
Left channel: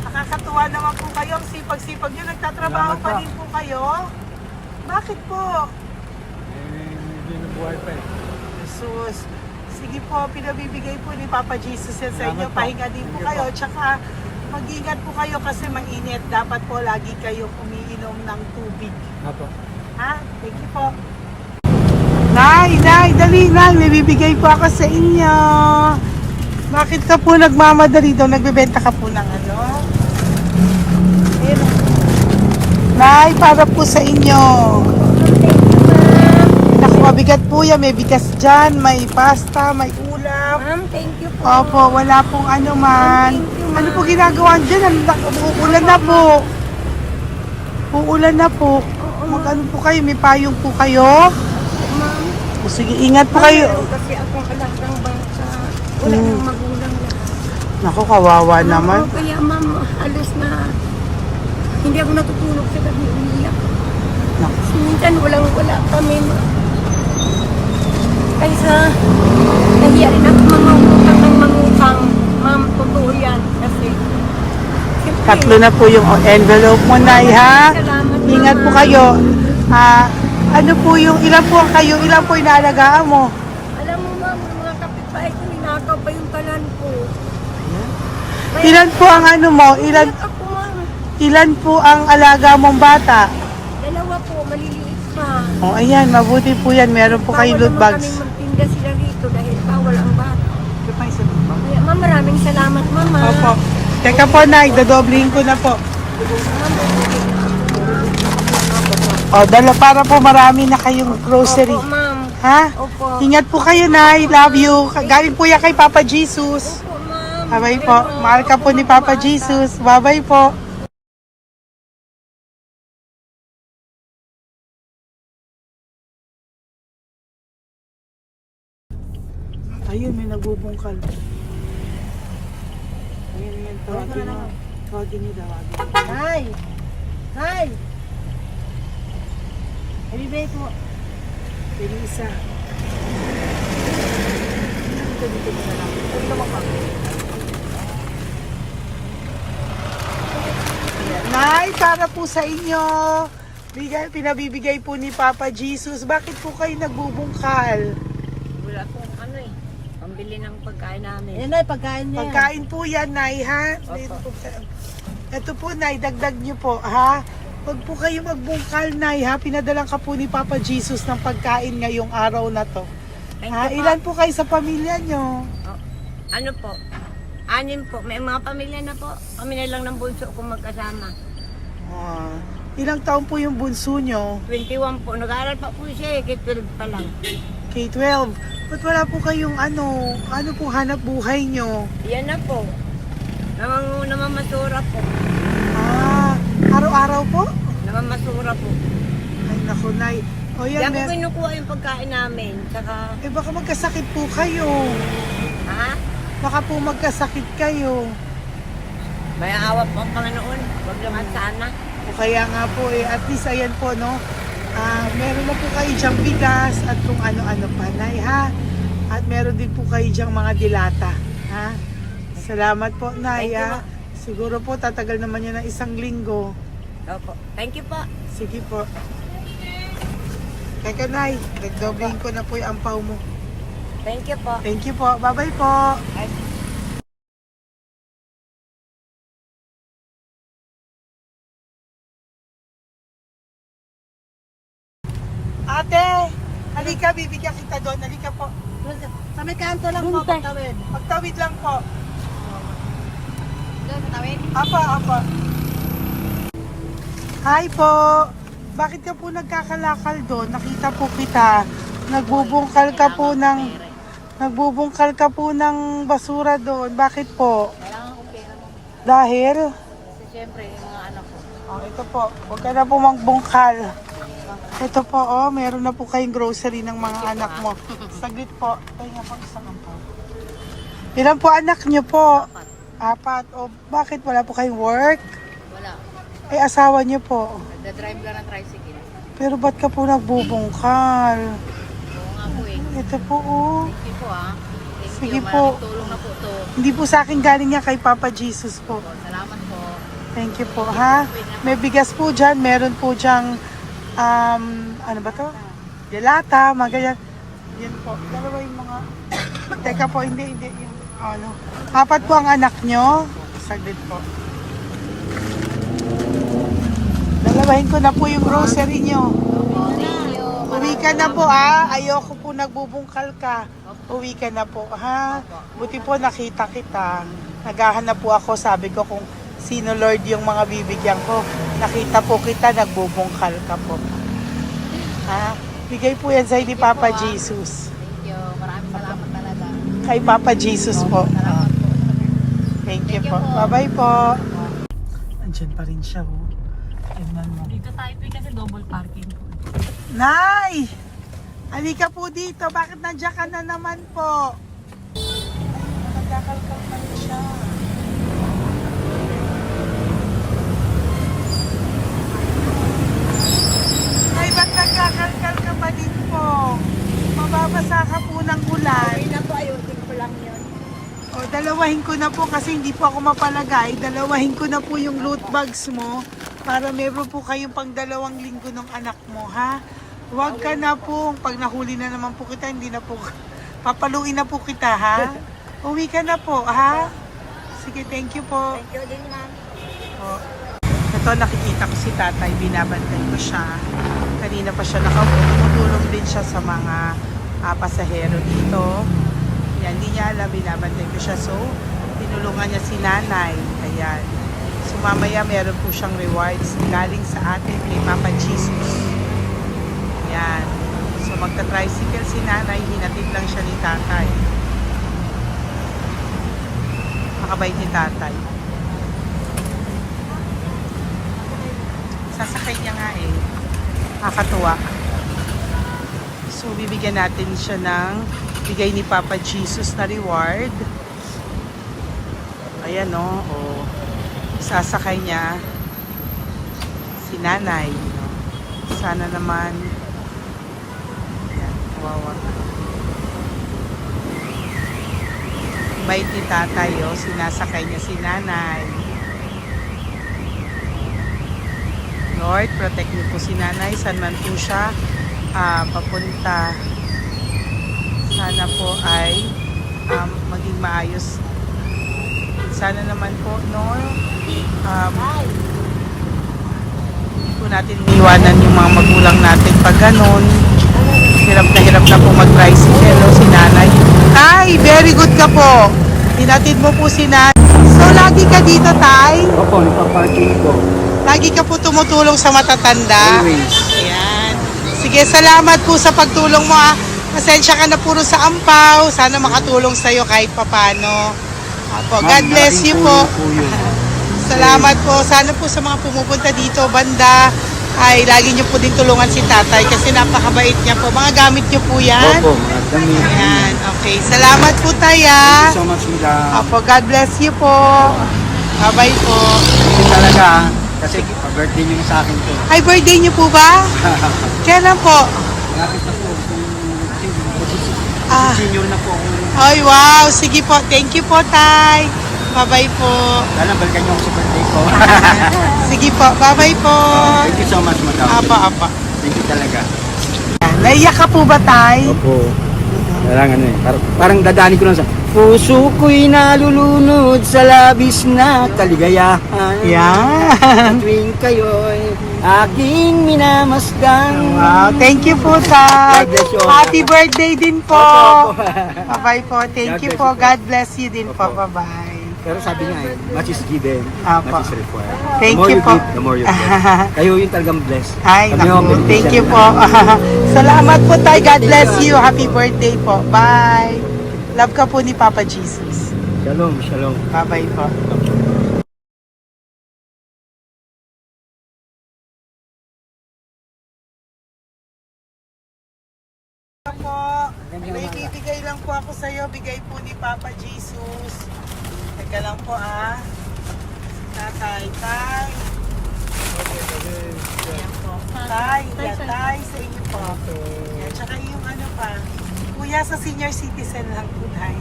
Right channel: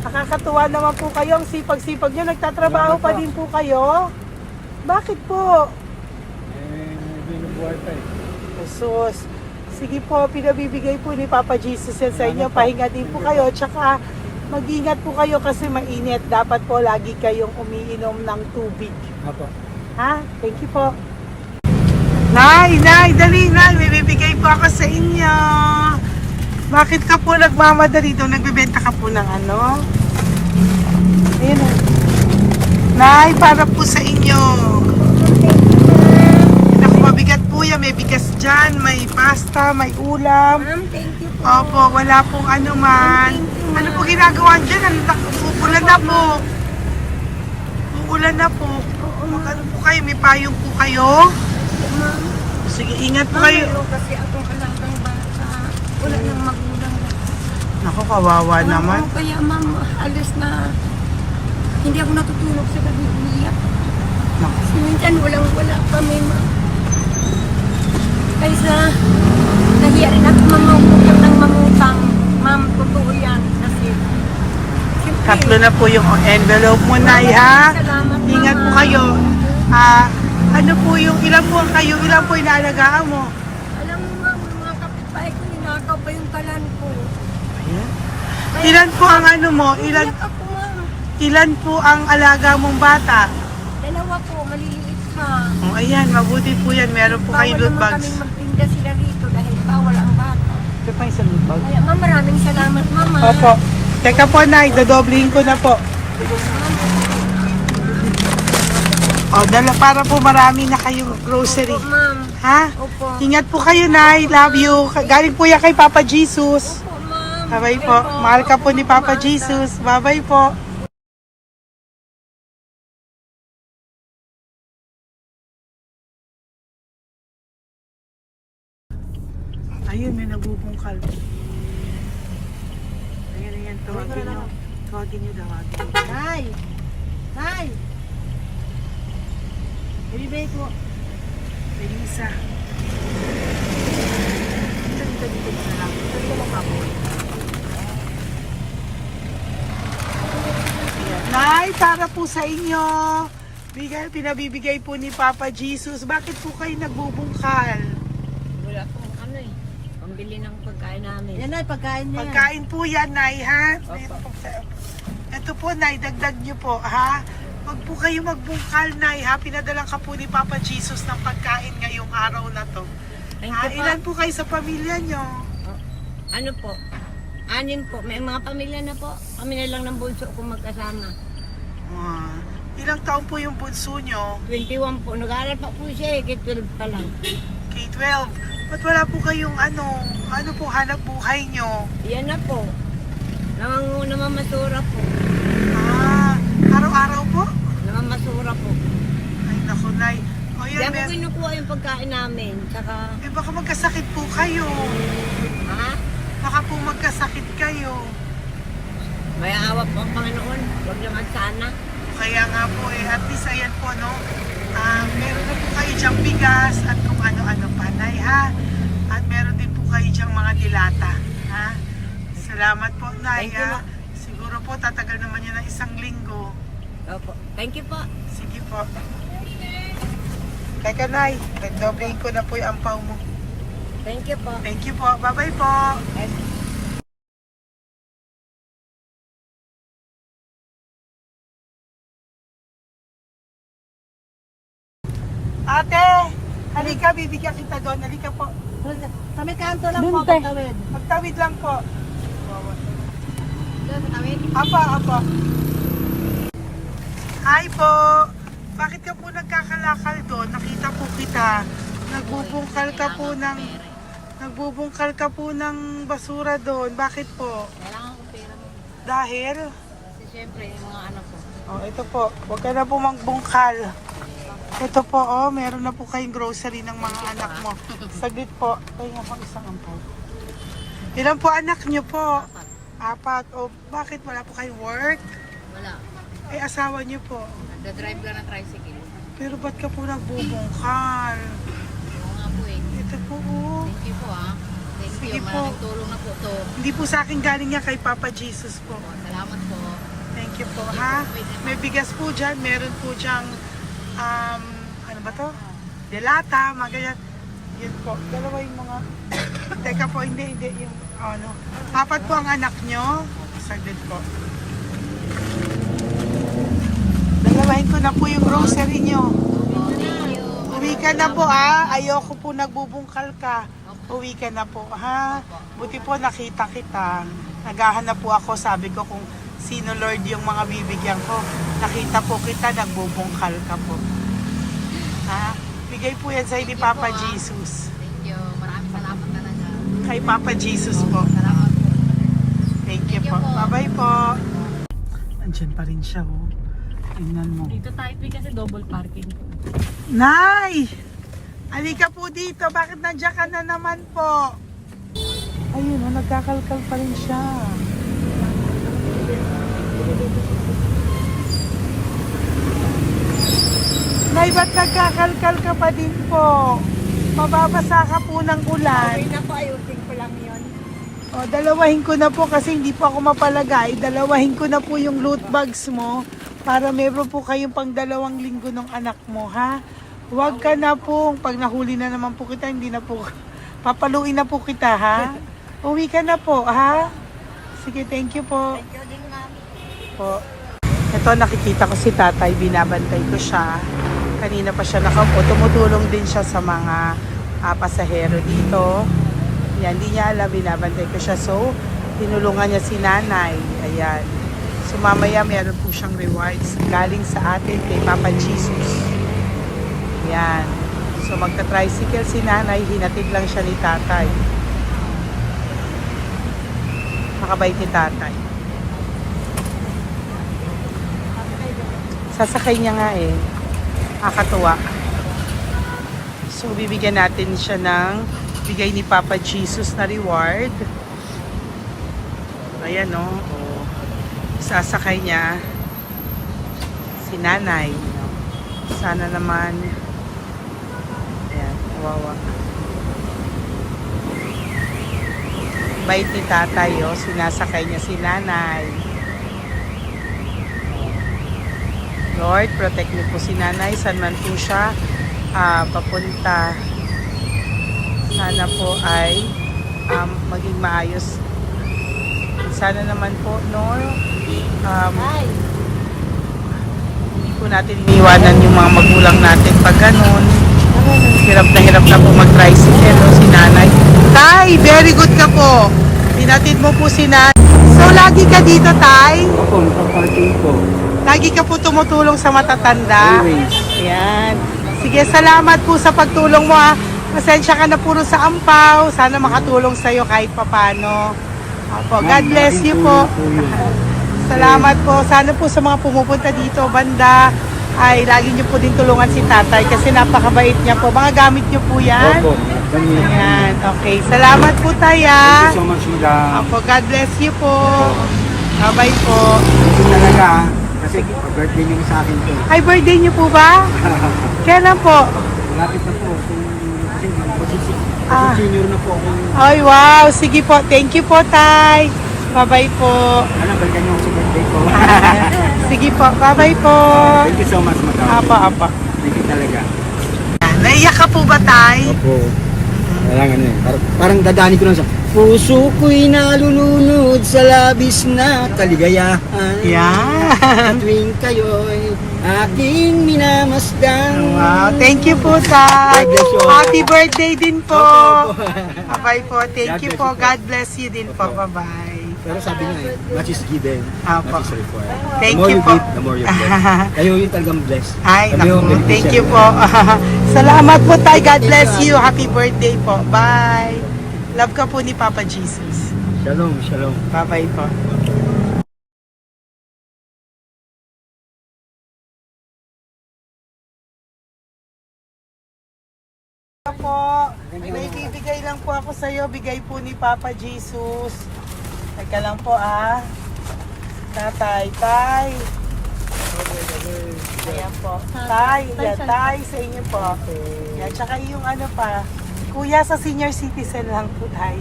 Nakakatuwa naman po kayo. Ang sipag-sipag nyo. Nagtatrabaho pa din po kayo. Bakit po? Hindi na buhay pa eh. Jesus. Sige po, pinabibigay po ni Papa Jesus yan sa inyo. Salamat po. Pahinga din po kayo. Tsaka mag-ingat po kayo kasi mainit. Dapat po lagi kayong umiinom ng tubig. Apo. Ha? Thank you po. Nay, dali na. Ibibigay po ako sa inyo. Bakit ka po nagmamadali daw? Nagbebenta ka po ng ano? Ayun. Nay, para po sa inyo. Naku, mabigat po yan. May bigas dyan, may pasta, may ulam. Ma'am, thank you po. Opo, wala pong ano man. Thank you, ma'am. Ano po ginagawa dyan? Uulan na po. Uulan na po. Mag-ano po kayo? May payong po kayo? Ma'am, O sige, ingat po kayo. meron kasi akong alagang bangka. Wala nang magulang na. Naku, kawawa naman. Oo, kaya ma'am, halos na hindi ako natutulog sa gabi, umiiyak. Naku. Minsan wala kami, ma'am. Kaysa, nahiya rin ako mangutang. Ma'am, totoo yan. Kasi, siyempre, Tatlo na po yung envelope mo, Nay, ha? Salamat, Ingat po Mama. kayo. Ano po yung, ilan po kayo, ilan po inaalagaan mo? Alam mo, ma'am, yung mga kapitbahay ko, ninakaw pa yung kalan ko. Kaya, Ilan po ang ano mo? umiyak ako, ma'am. Ilan po ang alaga mong bata? Dalawa po, maliliit pa. O, ayan, mabuti po yan. Meron po kayo loot Bawal naman bags. kaming magtinda sila rito dahil bawal ang bata. Ito pa isang loot bag. Kaya ma'am, maraming salamat, mama. Opo. Teka po, Nay, dodoblihin ko na po. O, dala para po marami na kayong grocery. Opo, ma'am. Ha? Opo. Ingat po kayo, Nay. Love you. Galing po yan kay Papa Jesus. Opo, ma'am. Bye-bye po. Mahal ka po ni Papa Jesus. Bye-bye po. Ayun, may nagbubungkal. Ayan, tawagin nyo. Tawagin nyo, tawagin. Hi! Hi! Ibibigay po. Elisa. Nay, para po sa inyo. Pinabibigay po ni Papa Jesus. Bakit po kayo nagbubungkal? Wala pong ano eh. Pambili ng pagkain namin. Yan na, pagkain niya. Pagkain po yan, Nay, ha? Ito po, Nay, dagdag niyo po, ha? Huwag po kayo magbungkal, Nay, ha? Pinadalang ka po ni Papa Jesus ng pagkain ngayong araw na to. Thank you po. Ilan po kayo sa pamilya nyo? Oh, ano po? 6 po. May mga pamilya na po. Kami na lang ng bunso kung magkasama. Ilang taon po yung bunso nyo? 21 po. Nag-aaral pa po siya eh. K-12 pa lang. K-12. Ba't wala po kayong ano po hanap buhay nyo? Yan na po. Namamasura po. Araw-araw po? Namamasura po. Ay, naku, Nay. O yan, Yan po kinukuha yung pagkain namin. Tsaka, baka magkasakit po kayo. ha? Baka po magkasakit kayo. May awa po ang Panginoon. Huwag naman sana. O kaya nga po at least ayan po, no? Meron na po kayo dyang bigas at kung ano-ano pa, Nay, ha? At meron din po kayo dyang mga dilata, ha? Salamat po, Nay, Thank you, ha? ma. Siguro po tatagal naman yun ng 1 linggo. Opo. Thank you po. Sige po. Teka, Nay, nagdobling ko na po yung ampaw mo. Thank you po. Thank you po. Bye-bye po. Ate, halika, bibigyan kita doon. Halika po. Kami kanto lang po, pagtawid. Magtawid lang po. Doon, patawid? Apa. Hi po. Bakit ka po nagkakalakal doon? Nakita po kita. Nagbubungkal ka po ng basura doon. Bakit po? Kailangan kong pera mo. Dahil? Kasi syempre, yung mga anak ko. Oh, ito po. Huwag ka na po magbungkal. Ito po, meron na po kayong grocery ng mga anak mo. Saglit po. Tayo nga po isang ampaw. Ilan po anak niyo po? 4. O bakit wala po kayong work? Wala. Asawa niyo po. Nagda-drive lang ng tricycle. Pero ba't ka po nagbubungkal? Oo nga po eh. Ito po, oh. Thank you po ah. Thank Sige you. po. Malaking tulong na po to. Hindi po sa akin galing yan kay Papa Jesus po. Salamat po. Thank you po, ha? May bigas po dyan. Meron po dyang, ano ba to? Delata, mga ganyan. Yan po. Dalawa yung mga... Teka po, hindi. Yung, 4 po ang anak nyo. Saglit po. Dalawahin ko na po yung grocery nyo. Thank you. Uwi ka na po, ha? Ayoko po nagbubungkal ka. Uwi ka na po, ha? Buti po nakita kita. Naghahanap po ako, sabi ko kung sino Lord yung mga bibigyan ko. Nakita po kita, nagbubungkal ka po. Ha? Bigay po yan sa'yo ni Papa Jesus. Thank you. Maraming salamat talaga. Kay Papa Jesus po. Thank you po. Bye-bye po. Andiyan pa rin siya, oh. Tingnan mo. Dito tayo kasi double parking. Nay! Halika po dito. Bakit nandiyan ka na naman po? Ayun, nagkakalkal pa rin siya. Nay, ba't nagkakalkal ka pa din po? Mababasa ka po ng ulan. Uwi na po. Ayusin ko lang yun. O, dalawahin ko na po kasi hindi po ako mapalagay. Dalawahin ko na po yung loot bags mo para meron po kayong pang 2 linggo ng anak mo, ha? Huwag ka na po. Pag nahuli na naman po kita, hindi na po. Papaluin na po kita, ha? Uwi ka na po, ha? Sige, thank you po. Thank you din, ma'am. Po. Ito, nakikita ko si tatay. Binabantay ko siya. Kanina pa siya nakaupo. Tumutulong din siya sa mga pasahero dito. Yan, hindi niya alam, binabantay ko siya. So, tinulungan niya si nanay. Ayan. So, mamaya meron po siyang rewards galing sa atin kay Papa Jesus. Ayan. So, magka-tricycle si nanay. Hinatid lang siya ni tatay. Makabait ni tatay. Sasakay niya nga eh. Nakakatuwa. So, bibigyan natin siya ng bigay ni Papa Jesus na reward. Ayan, no? O, sasakay niya si nanay. No? Sana naman ayan, kawawa. Bait ni tatay, oh. Sinasakay niya si nanay. Lord, protect niyo po si nanay. Saan man po siya papunta. Sana po ay maging maayos. Sana naman po, no, hindi po natin iniwanan yung mga magulang natin pag ganun. Hirap na po mag-tricycle, no, si nanay. Tay, very good ka po. Pinatid mo po si nanay. So, lagi ka dito, Tay? Opo, nagpa-parking ko. Lagi ka po tumutulong sa matatanda? Always. Ayan. Sige, salamat po sa pagtulong mo, ha. Pasensya ka na puro sa ampaw. Sana makatulong sa'yo kahit papano. Opo, God bless you po. Salamat po. Sana po sa mga pumupunta dito, banda, ay lagi niyo po din tulungan si tatay kasi napakabait niya po. Mga gamit niyo po yan. Opo. Ayan, okay. Salamat po tayo. Thank you so much, madam. Opo, God bless you po. Bye-bye po. Kasi talaga, kasi birthday niyo na sa akin to. Ay, birthday niyo po ba? Kailan po? Malapit na po. Kasi senior na po ako. Ay, wow. Sige po. Thank you po, Tay. Bye-bye po. Kala, balikan niyo ako sa birthday ko. Sige po. Bye-bye po. Thank you so much, madam. Apa. Thank you talaga. Naiyak ka po ba, Tay? Opo. Kailangan parang dadaanin ko lang sa puso ko'y nalulunod sa labis na kaligayahan. Yan. Tuwing kayo'y aking minamasdan. Wow. Thank you po, Tay. God bless you. Happy birthday din po. Opo. Bye-bye po. Thank God you bless po. you po. God bless you din po. Opo. Bye-bye. Pero sabi nga much is given, Apo. much is required. Thank The more you you po. give, the more you get. Kayo yung talagang blessed. Ay, Kami yung naku. Thank beneficiary you na. po. Salamat po, Tay. God bless you. Happy birthday po. Bye. Love ka po ni Papa Jesus. Shalom, shalom. Bye-bye po. Po, may bibigay lang po ako sa iyo, bigay po ni Papa Jesus. Teka lang po Tatay, Tay. Ayan po. Tay, yan, Tay, sa inyo po. Yan, tsaka yung ano pa, Kuya sa senior citizen lang po, Tay.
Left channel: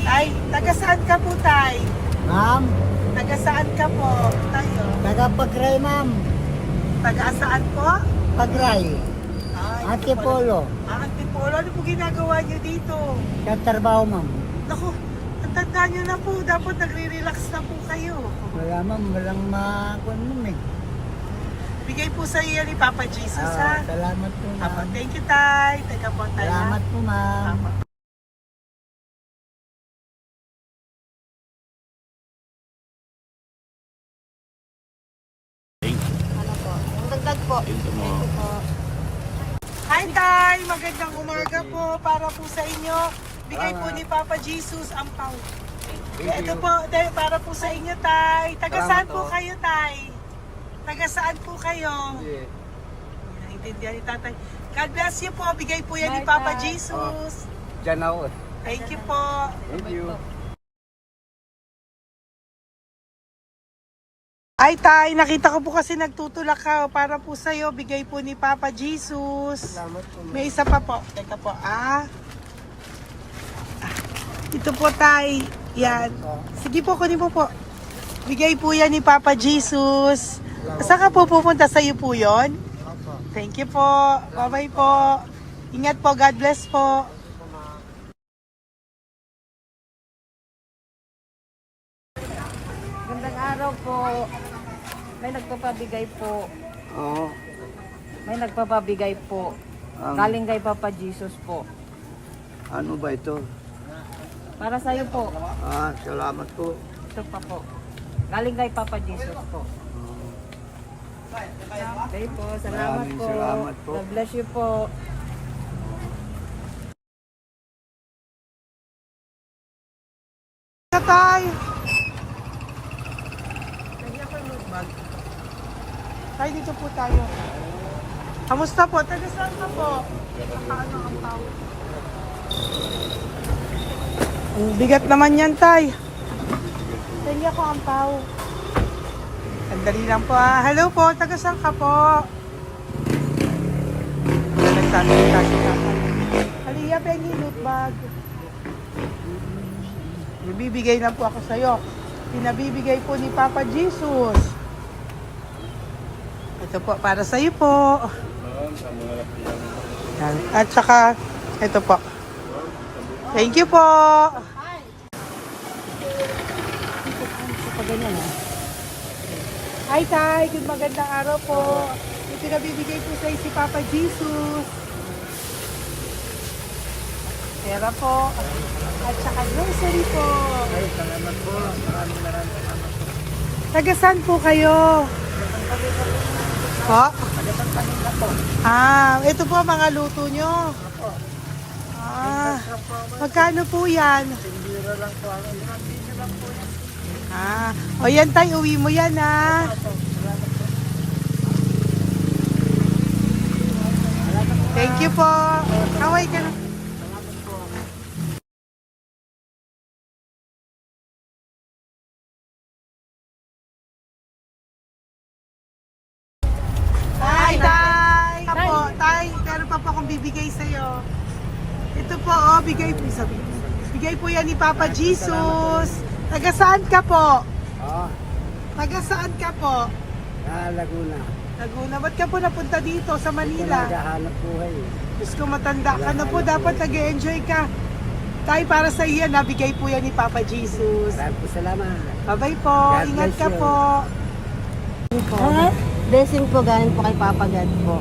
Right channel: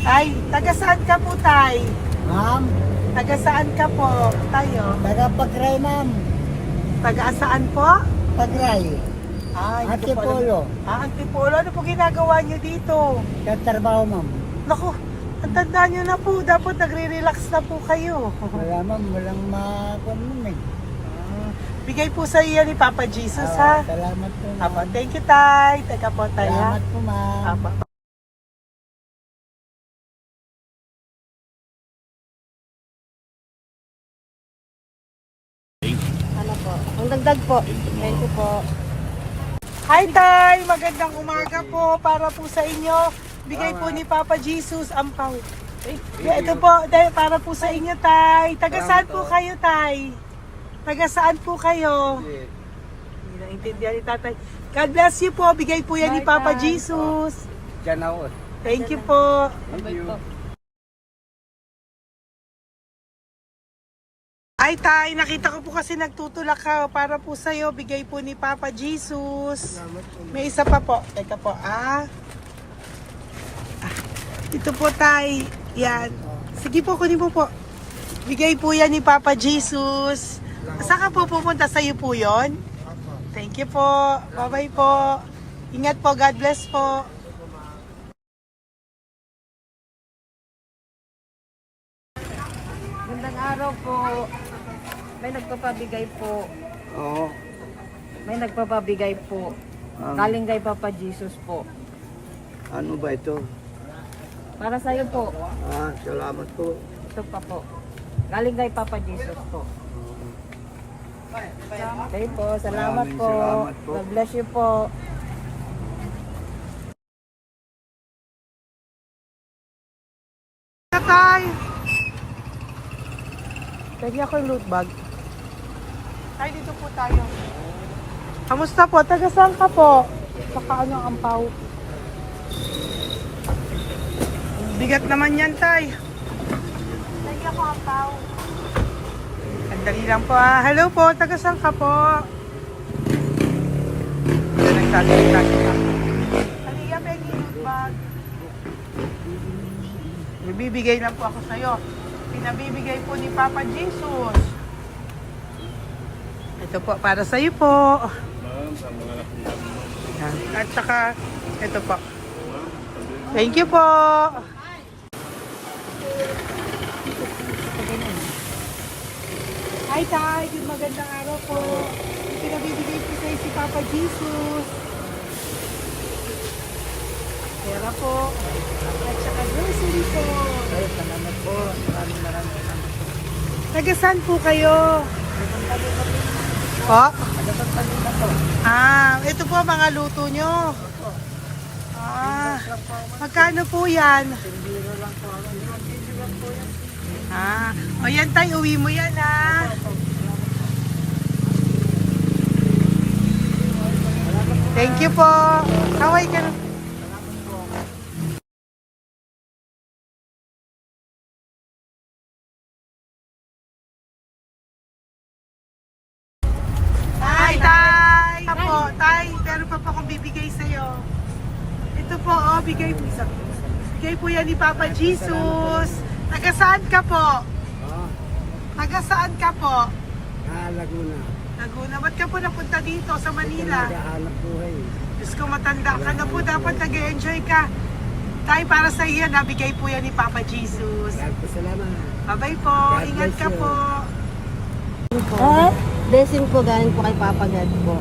Tay, taga saan ka po, Tay? Ma'am, Taga saan ka po, tayo? taga-Pagray, ma'am. Taga saan po? Pagray. Ay, Antipolo. Antipolo, ano po ginagawa niyo dito? Katrabaho, ma'am. Naku, ang tanda nyo na po. Dapat nagre-relax na po kayo. Wala, ma'am. Walang makuan, ma'am, eh. Bigay po sa iyo ni Papa Jesus, ha? Salamat po, ma'am. Apo, thank you, Tay. Taga po, Tay. ha? Salamat po, ma'am. Apo. Ang dagdag po. Hi, Tay. Magandang umaga po. Para po sa inyo. Bigay po ni Papa Jesus ang pau. Ito po, dahil para po sa inyo, Tay. Taga saan po kayo, Tay? Taga saan po kayo? Hindi naintindihan ni Tatay. God bless you po. Bigay po yan ni Papa Jesus. Diyan ako. Thank you po. Thank you. Ay, Tay, nakita ko po kasi nagtutulak ka. Para po sa'yo, bigay po ni Papa Jesus. May isa pa po. Teka po, Ito po, Tay. Yan. Sige po, kunin mo po. Bigay po yan ni Papa Jesus. Saan ka po pupunta? Sa'yo po yon? Thank you po. Bye-bye po. Ingat po. God bless po. Gandang araw po. May nagpapabigay po. Oo. May nagpapabigay po. Galing kay Papa Jesus po. Ano ba ito? Para sa'yo po. Salamat po. Ito pa po. Galing kay Papa Jesus po. Okay po. Salamat Maraming po. salamat po. God bless you po. Tay. Lagi ako yung loot bag. Tay, dito po tayo. Kamusta po? Taga saan ka po? Saka ano ang ampaw? Bigat naman yan, Tay. Lagi ako ampaw. Sandali lang po, Hello po, taga saan ka po? Yan, nagsasalita siya po. Halika, Benny, loot bag. Bibigay lang po ako sa'yo. Pinabibigay po ni Papa Jesus. Ito po, para sa'yo po. Yan. At saka, ito po. Thank you po. Hi, Tay. Good magandang araw po. May pinabibigay po sa'yo si Papa Jesus. Pera po. At saka grocery po. Ay, salamat po. Maraming salamat po. Taga saan po kayo? Po? Tagapagpaninda po. Ito po mga luto nyo. Magkano po yan? Biro lang po. 5 lang po yan. O yan tayo, uwi mo yan Thank you po. Kaway ka na. Hi, Tay! Tay, meron pa po akong bibigay sa'yo. Ito po, bigay po yan ni Papa Jesus. Taga saan ka po? Taga saan ka po? Laguna. Laguna. Ba't ka po napunta dito sa Manila? Naghahanap buhay. Diyos ko, matanda ka na po. Dapat nag-enjoy ka. Tay, para sa iyo, nabigay po yan ni Papa Jesus. Maraming po salamat. Bye-bye po. God Ingat bless ka you. po. Blessing po galing po kay Papa God po.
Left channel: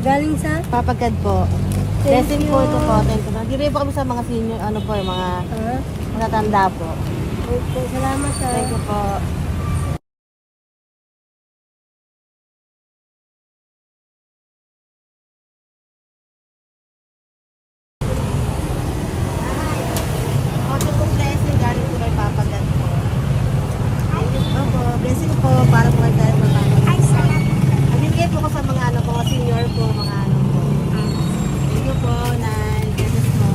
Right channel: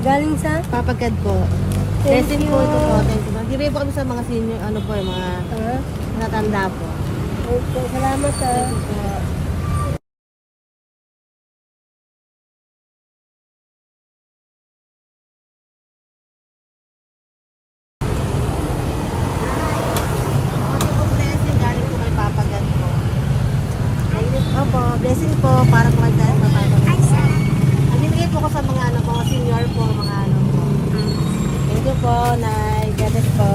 Galing sa? Papa God po. Thank Blessing you. po ito po. Thank you. Hindi rin po kami sa mga senior, ano po, yung mga matatanda po. Okay, salamat Thank you po. Ito po blessing galing po kay Papa God po. Opo, blessing po para po kay galing ng Papa God. Namimigay po ko sa mga ano po, senior po, mga ano po. Thank you po, Nay. God bless po.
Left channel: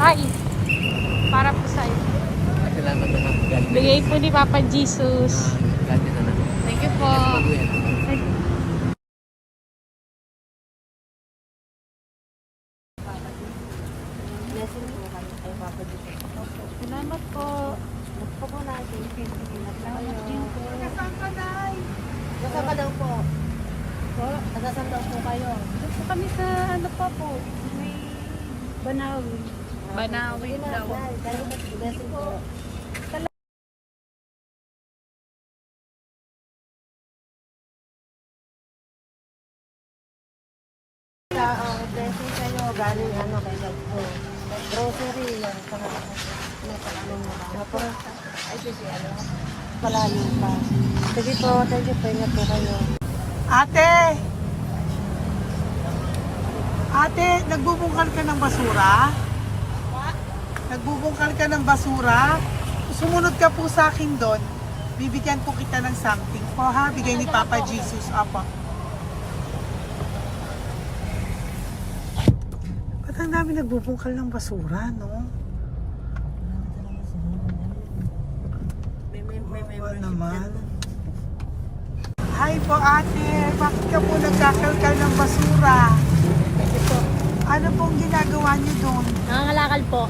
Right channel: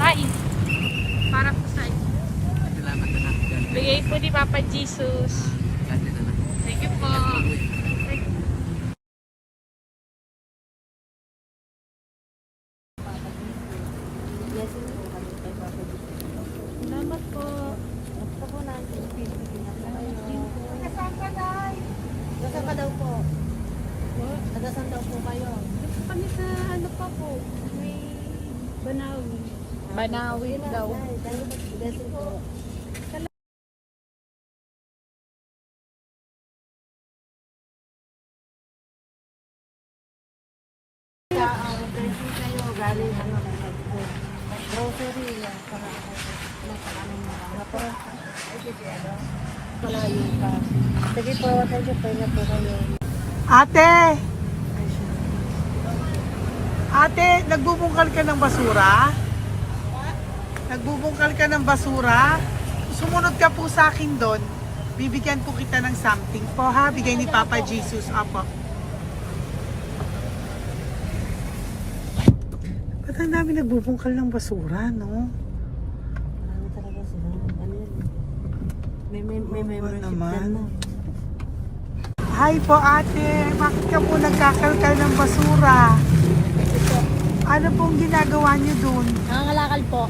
Ay, para po sa iyo. Salamat na lang. Bigay po ni Papa Jesus. God bless na. Thank you po. Blessing po kami kay Papa God. Salamat po. Opo po natin. Salamat din po. Nasaan ka daw po? Po. Nasaan daw po kayo? Gusto kami sa ano pa po. May Banawi. Banawi daw. Blessing po. Blessing kayo. Galing ano kay God po. Grocery yan. Napakaano mo. Ay, sige, ano? Maraming pa. Sige po, thank you po. Ingat po kayo. Ate! Ate, nagbubungkal ka ng basura? Nagbubungkal ka ng basura? Sumunod ka po sa akin doon. Bibigyan po kita ng something po ha. Bigay ni Papa Jesus. Apo. Ba't ang dami nagbubungkal ng basura, no? Marami talaga sila. May Ano membership naman? dyan, no? Hi po ate, bakit ka po nagkakalkal ng basura? Kasi po, Ano pong ginagawa niyo doon? nangangalakal po.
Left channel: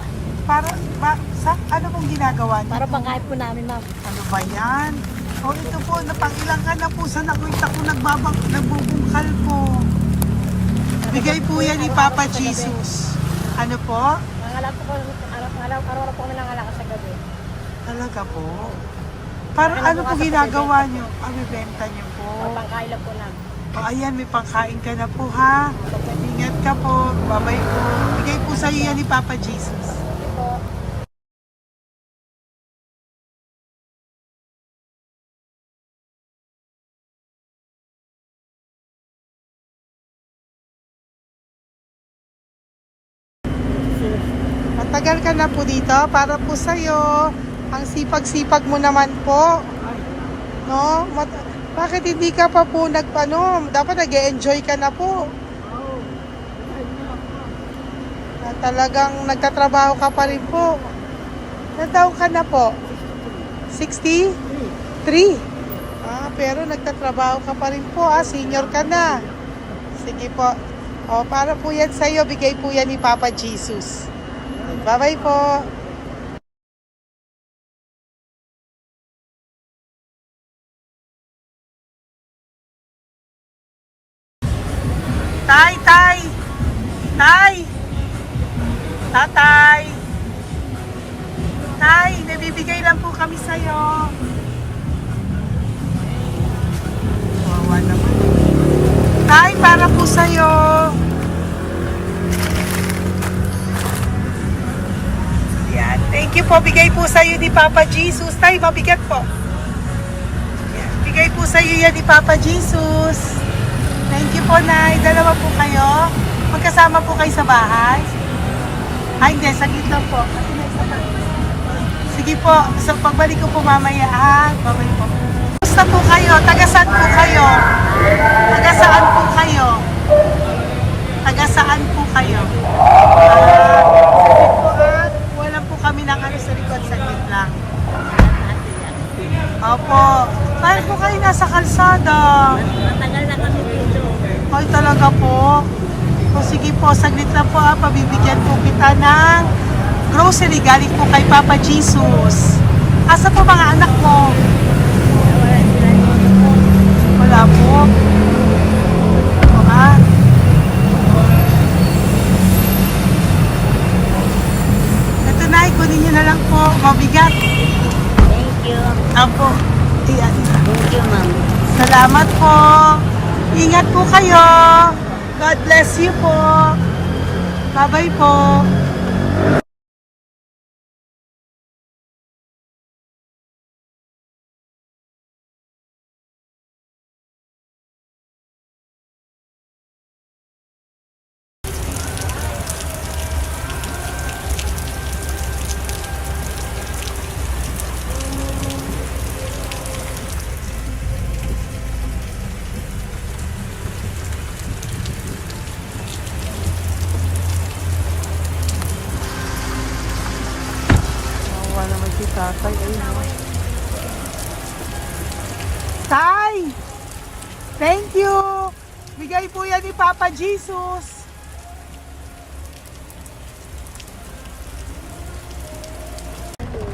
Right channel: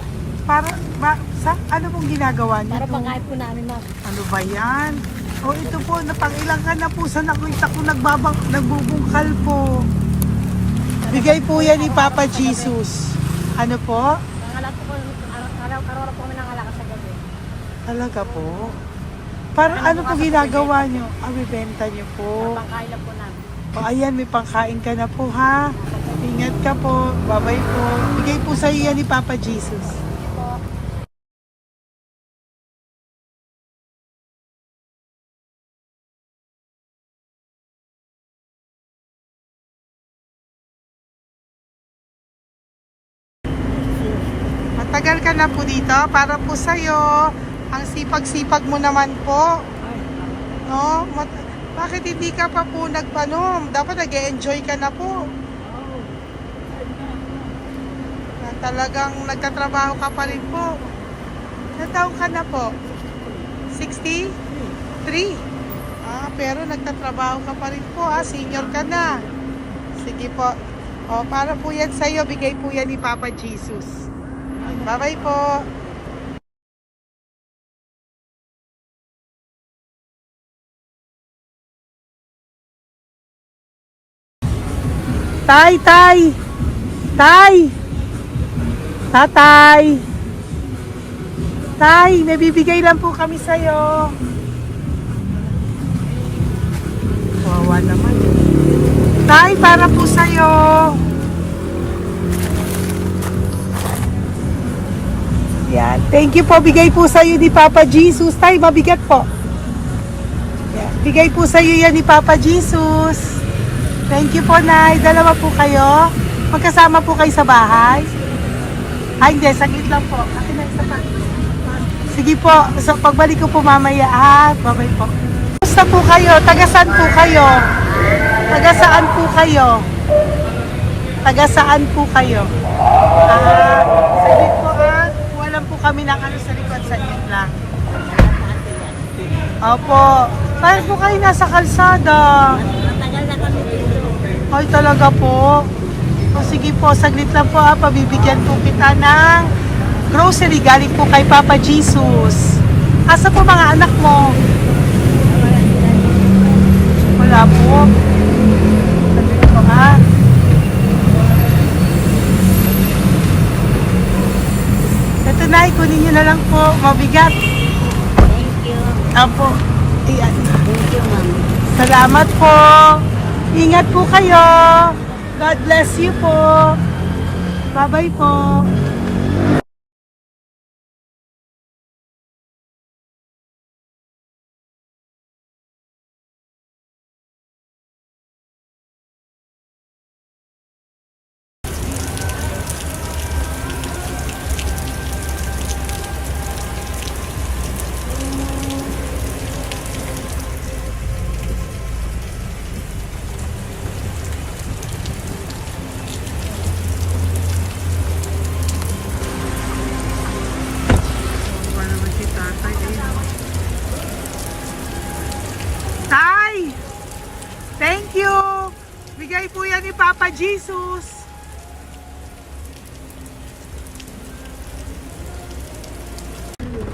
Ano pong ginagawa niyo Para doon? pangkahit po namin, ma'am. Ano ba yan? O ito po, napangilangan na po sa nakita ko nagbubungkal po. Bigay po yan ni Papa Jesus. Ano po? Nangangalakal po kami, araw-araw po kami nangangalakal sa gabi. Talaga po? Para ano po ginagawa niyo? Bibenta niyo po. Pangkain lang po namin. O ayan, may pangkain ka na po ha. Ingat ka po. Bye-bye po. Bigay po sa iyo yan ni Papa Jesus. Ito po. Matagal ka na po dito para po sa'yo. Ang sipag-sipag mo naman po. No? Bakit hindi ka pa po dapat nag-enjoy ka na po. Na talagang nagtatrabaho ka pa rin po. Ilang taon ka na po? 63? Pero nagtatrabaho ka pa rin po. Senior ka na. Sige po. Para po yan sa'yo, bigay po yan ni Papa Jesus. Bye-bye po. Tay, tay! Tay! Tatay! Tay, may bibigay lang po kami sa'yo. Wawa naman. Tay, para po sa'yo. Yan. Thank you po. Bigay po sa'yo ni Papa Jesus. Tay, mabigat po. Yan. Bigay po sa'yo yan ni Papa Jesus. Thank you po, Nay. Dalawa po kayo. Magkasama po kayo sa bahay. Ay, hindi. Saglit lang po. Kasi may isa pa. Sige po. So, pagbalik ko po mamaya. Bye-bye po. Basta po kayo? Tagasaan po kayo? Tagasaan po kayo? Tagasaan po kayo? Sige po walang po kami ng ano sa likod. Saglit lang. Opo. Bakit po kayo nasa kalsada? Matagal na kami dito. Ay, talaga po. O sige po, saglit lang po pabibigyan po kita ng grocery galing po kay Papa Jesus. Asa po mga anak mo? Wala po. O Ito na, kunin nyo na lang po. Mabigat. Thank you. Apo. Iyan. Thank you, ma'am. Salamat po. Ingat po kayo. God bless you po. Bye-bye po. Wala naman si tatay. Tay! Thank you! Bigay po yan ni Papa Jesus.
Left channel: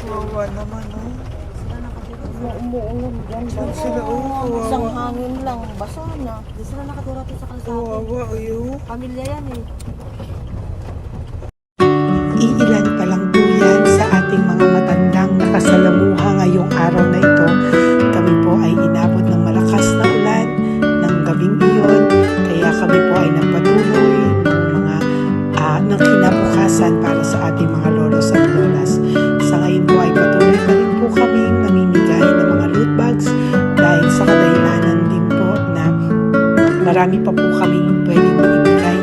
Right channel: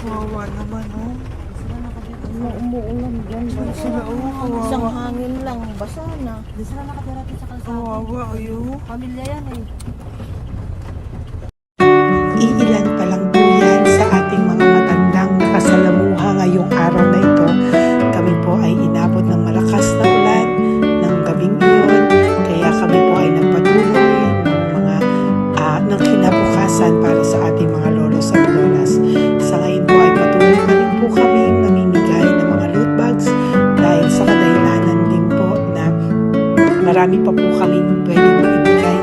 Wawa naman, oh. Umuulan dyan. Saan sila, oh? Isang Wawa. hangin lang. Basa na. Di sila nakatira sa kalsada. Wawa, ayo. Pamilya yan eh. Iilan pa lang po yan sa ating mga matandang nakasalamuha ngayong araw na ito. Kami po ay inabot ng malakas na ulan ng gabing iyon. Kaya kami po ay nagpatuloy ng kinabukasan para sa ating mga lolos at lolas. Sa ngayon po ay patuloy pa rin po kami namimigay ng mga loot bags dahil sa kadahilanan din po na marami pa po kami pwedeng maibigay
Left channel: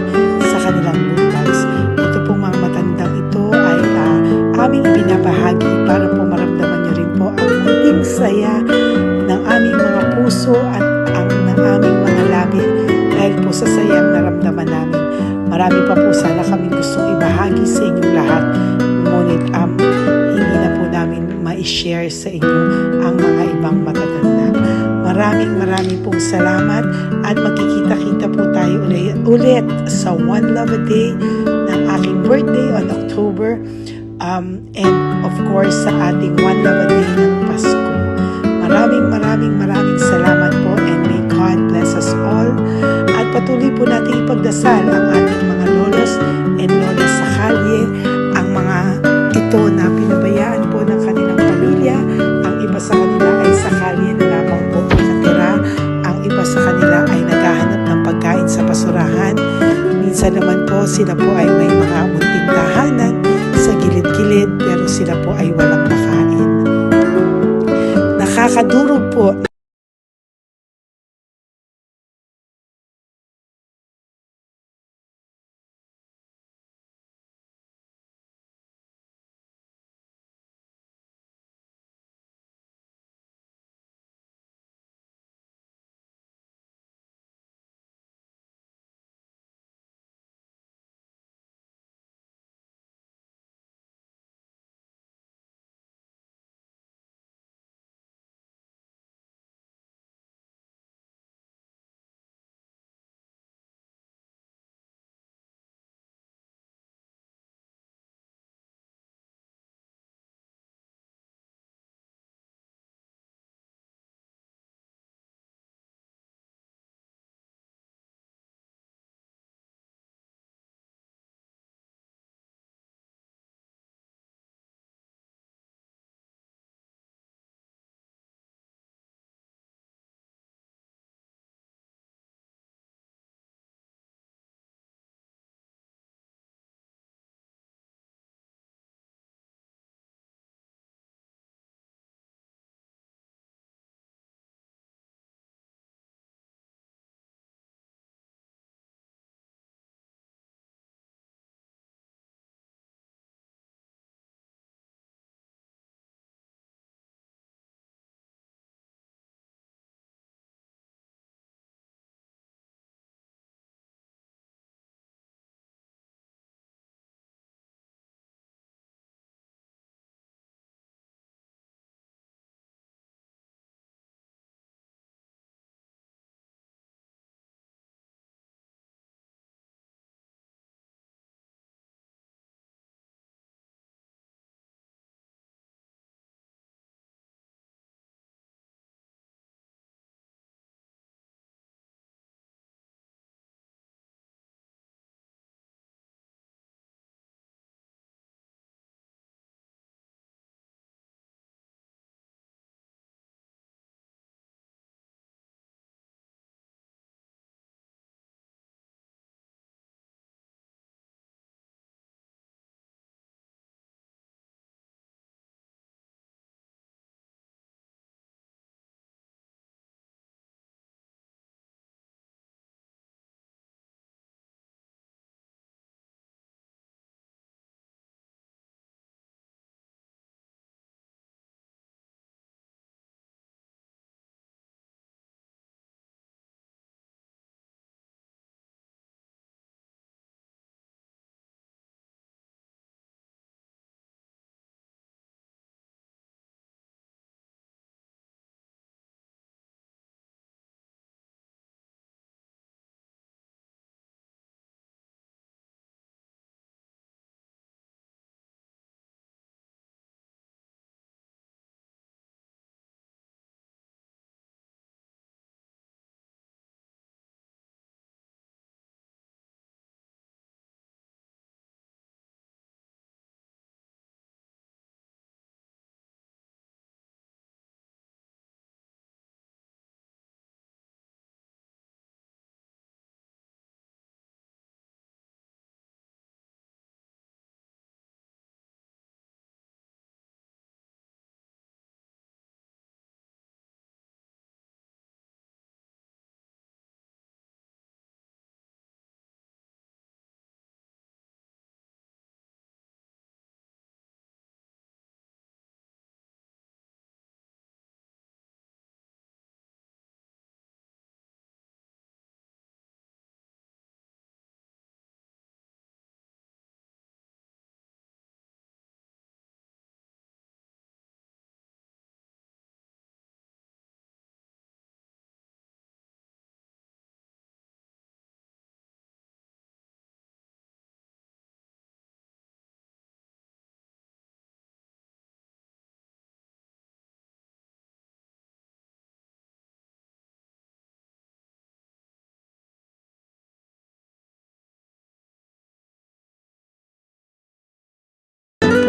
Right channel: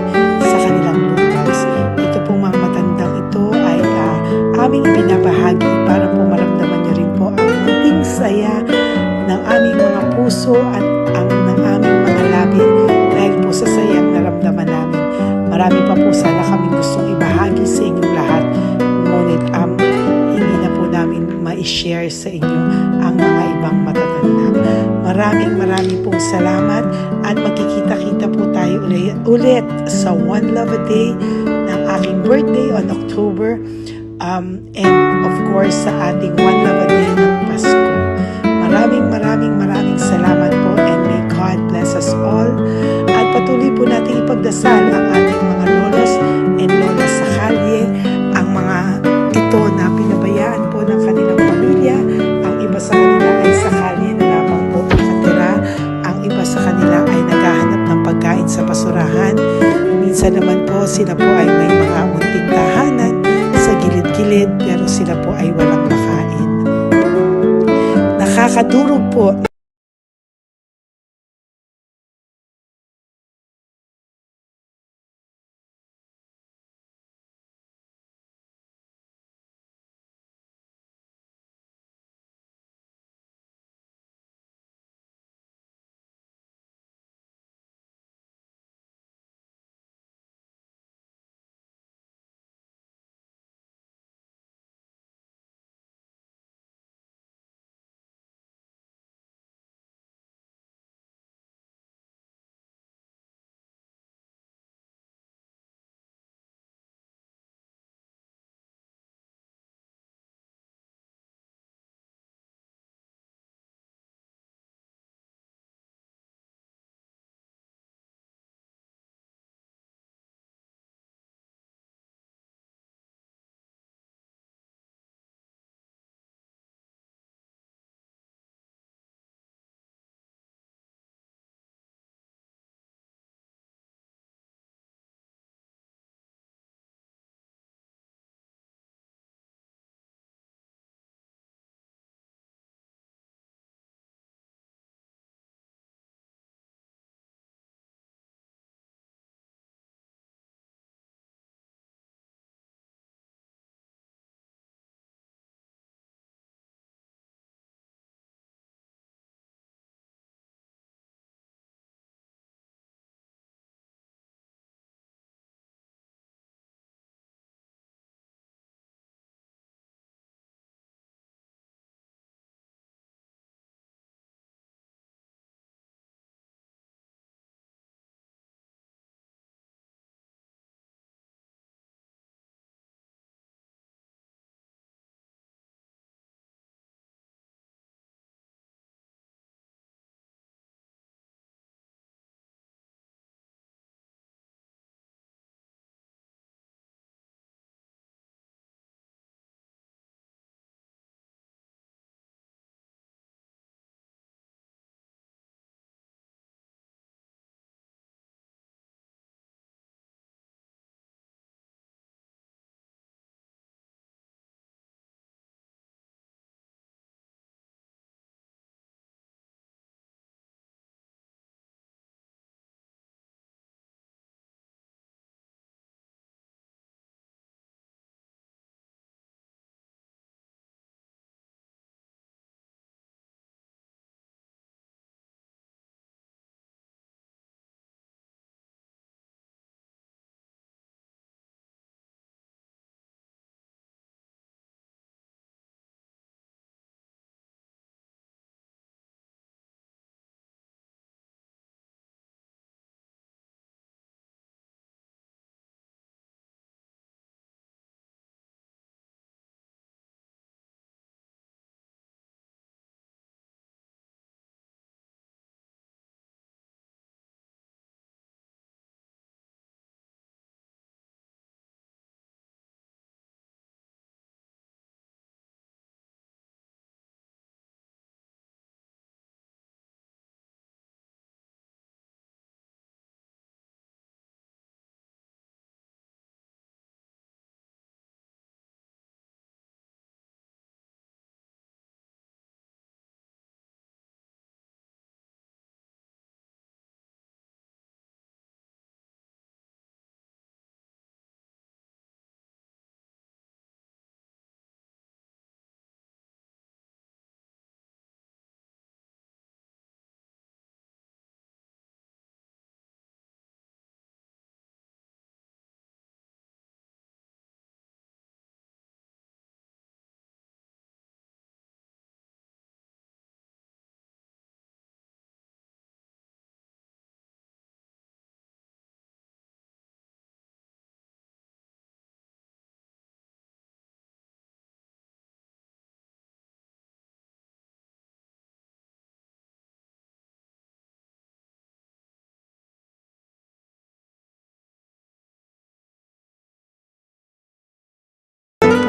sa kanilang loot bags. Ito pong mga matandang ito ay aming ibinabahagi para po maramdaman nyo rin po ang munting saya ng aming mga puso at ng aming mga labi dahil po sa sayang naramdaman namin. Marami pa po sana kaming gustong ibahagi sa inyong lahat, ngunit hindi na po namin ma-share sa inyo ang mga ibang matatanda. Maraming pong salamat at magkikita-kita po tayo ulit sa One Love a Day ng aking birthday on October and of course sa ating One Love a Day ng Pasko. Maraming salamat po and may God bless us all. At patuloy po natin ipagdasal ang ating mga lolos and lolas sa kalye, ang mga ito na pinabayaan po ng kanilang pamilya. Ang iba sa kanila ay sa kalye na lamang po nakatira. Ang iba sa kanila ay naghahanap ng pagkain sa basurahan. Minsan naman po sila po ay may mga munting tahanan sa gilid-gilid pero sila po ay walang makain. Nakakadurog po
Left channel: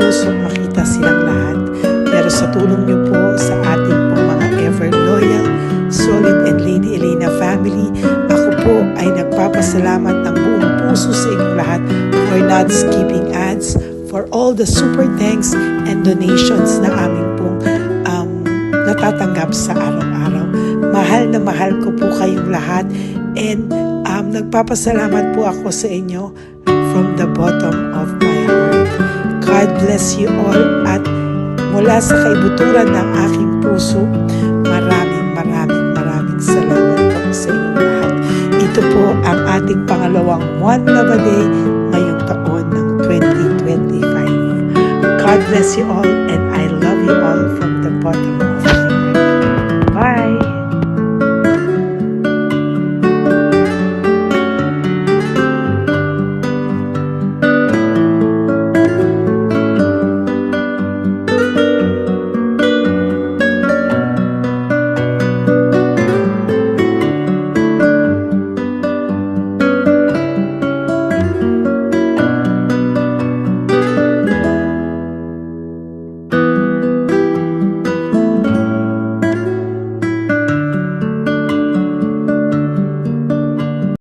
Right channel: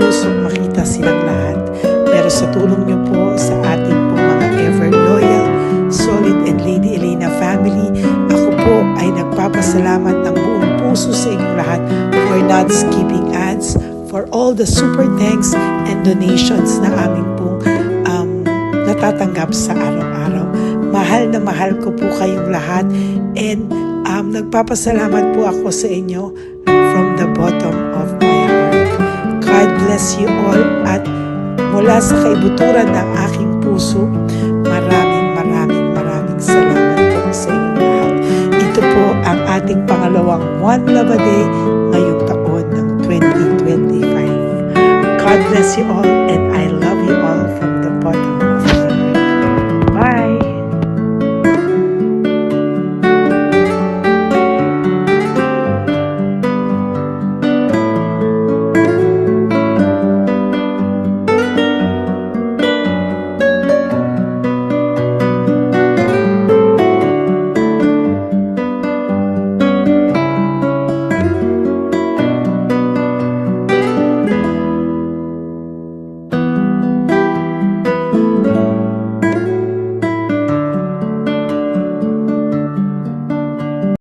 puso makita silang lahat. Pero sa tulong niyo po sa ating pong mga ever loyal, solid and Lady Elena family, ako po ay nagpapasalamat ng buong puso sa inyong lahat for not skipping ads, for all the super thanks and donations na aming pong natatanggap sa araw-araw. Mahal na mahal ko po kayong lahat, and nagpapasalamat po ako sa inyo from the bottom of my heart. God bless you all, at mula sa kaibuturan ng aking puso, maraming salamat po sa inyong lahat. Ito po ang ating pangalawang One Love a Day ngayong taon ng 2025. God bless you all, and I love you all from the bottom of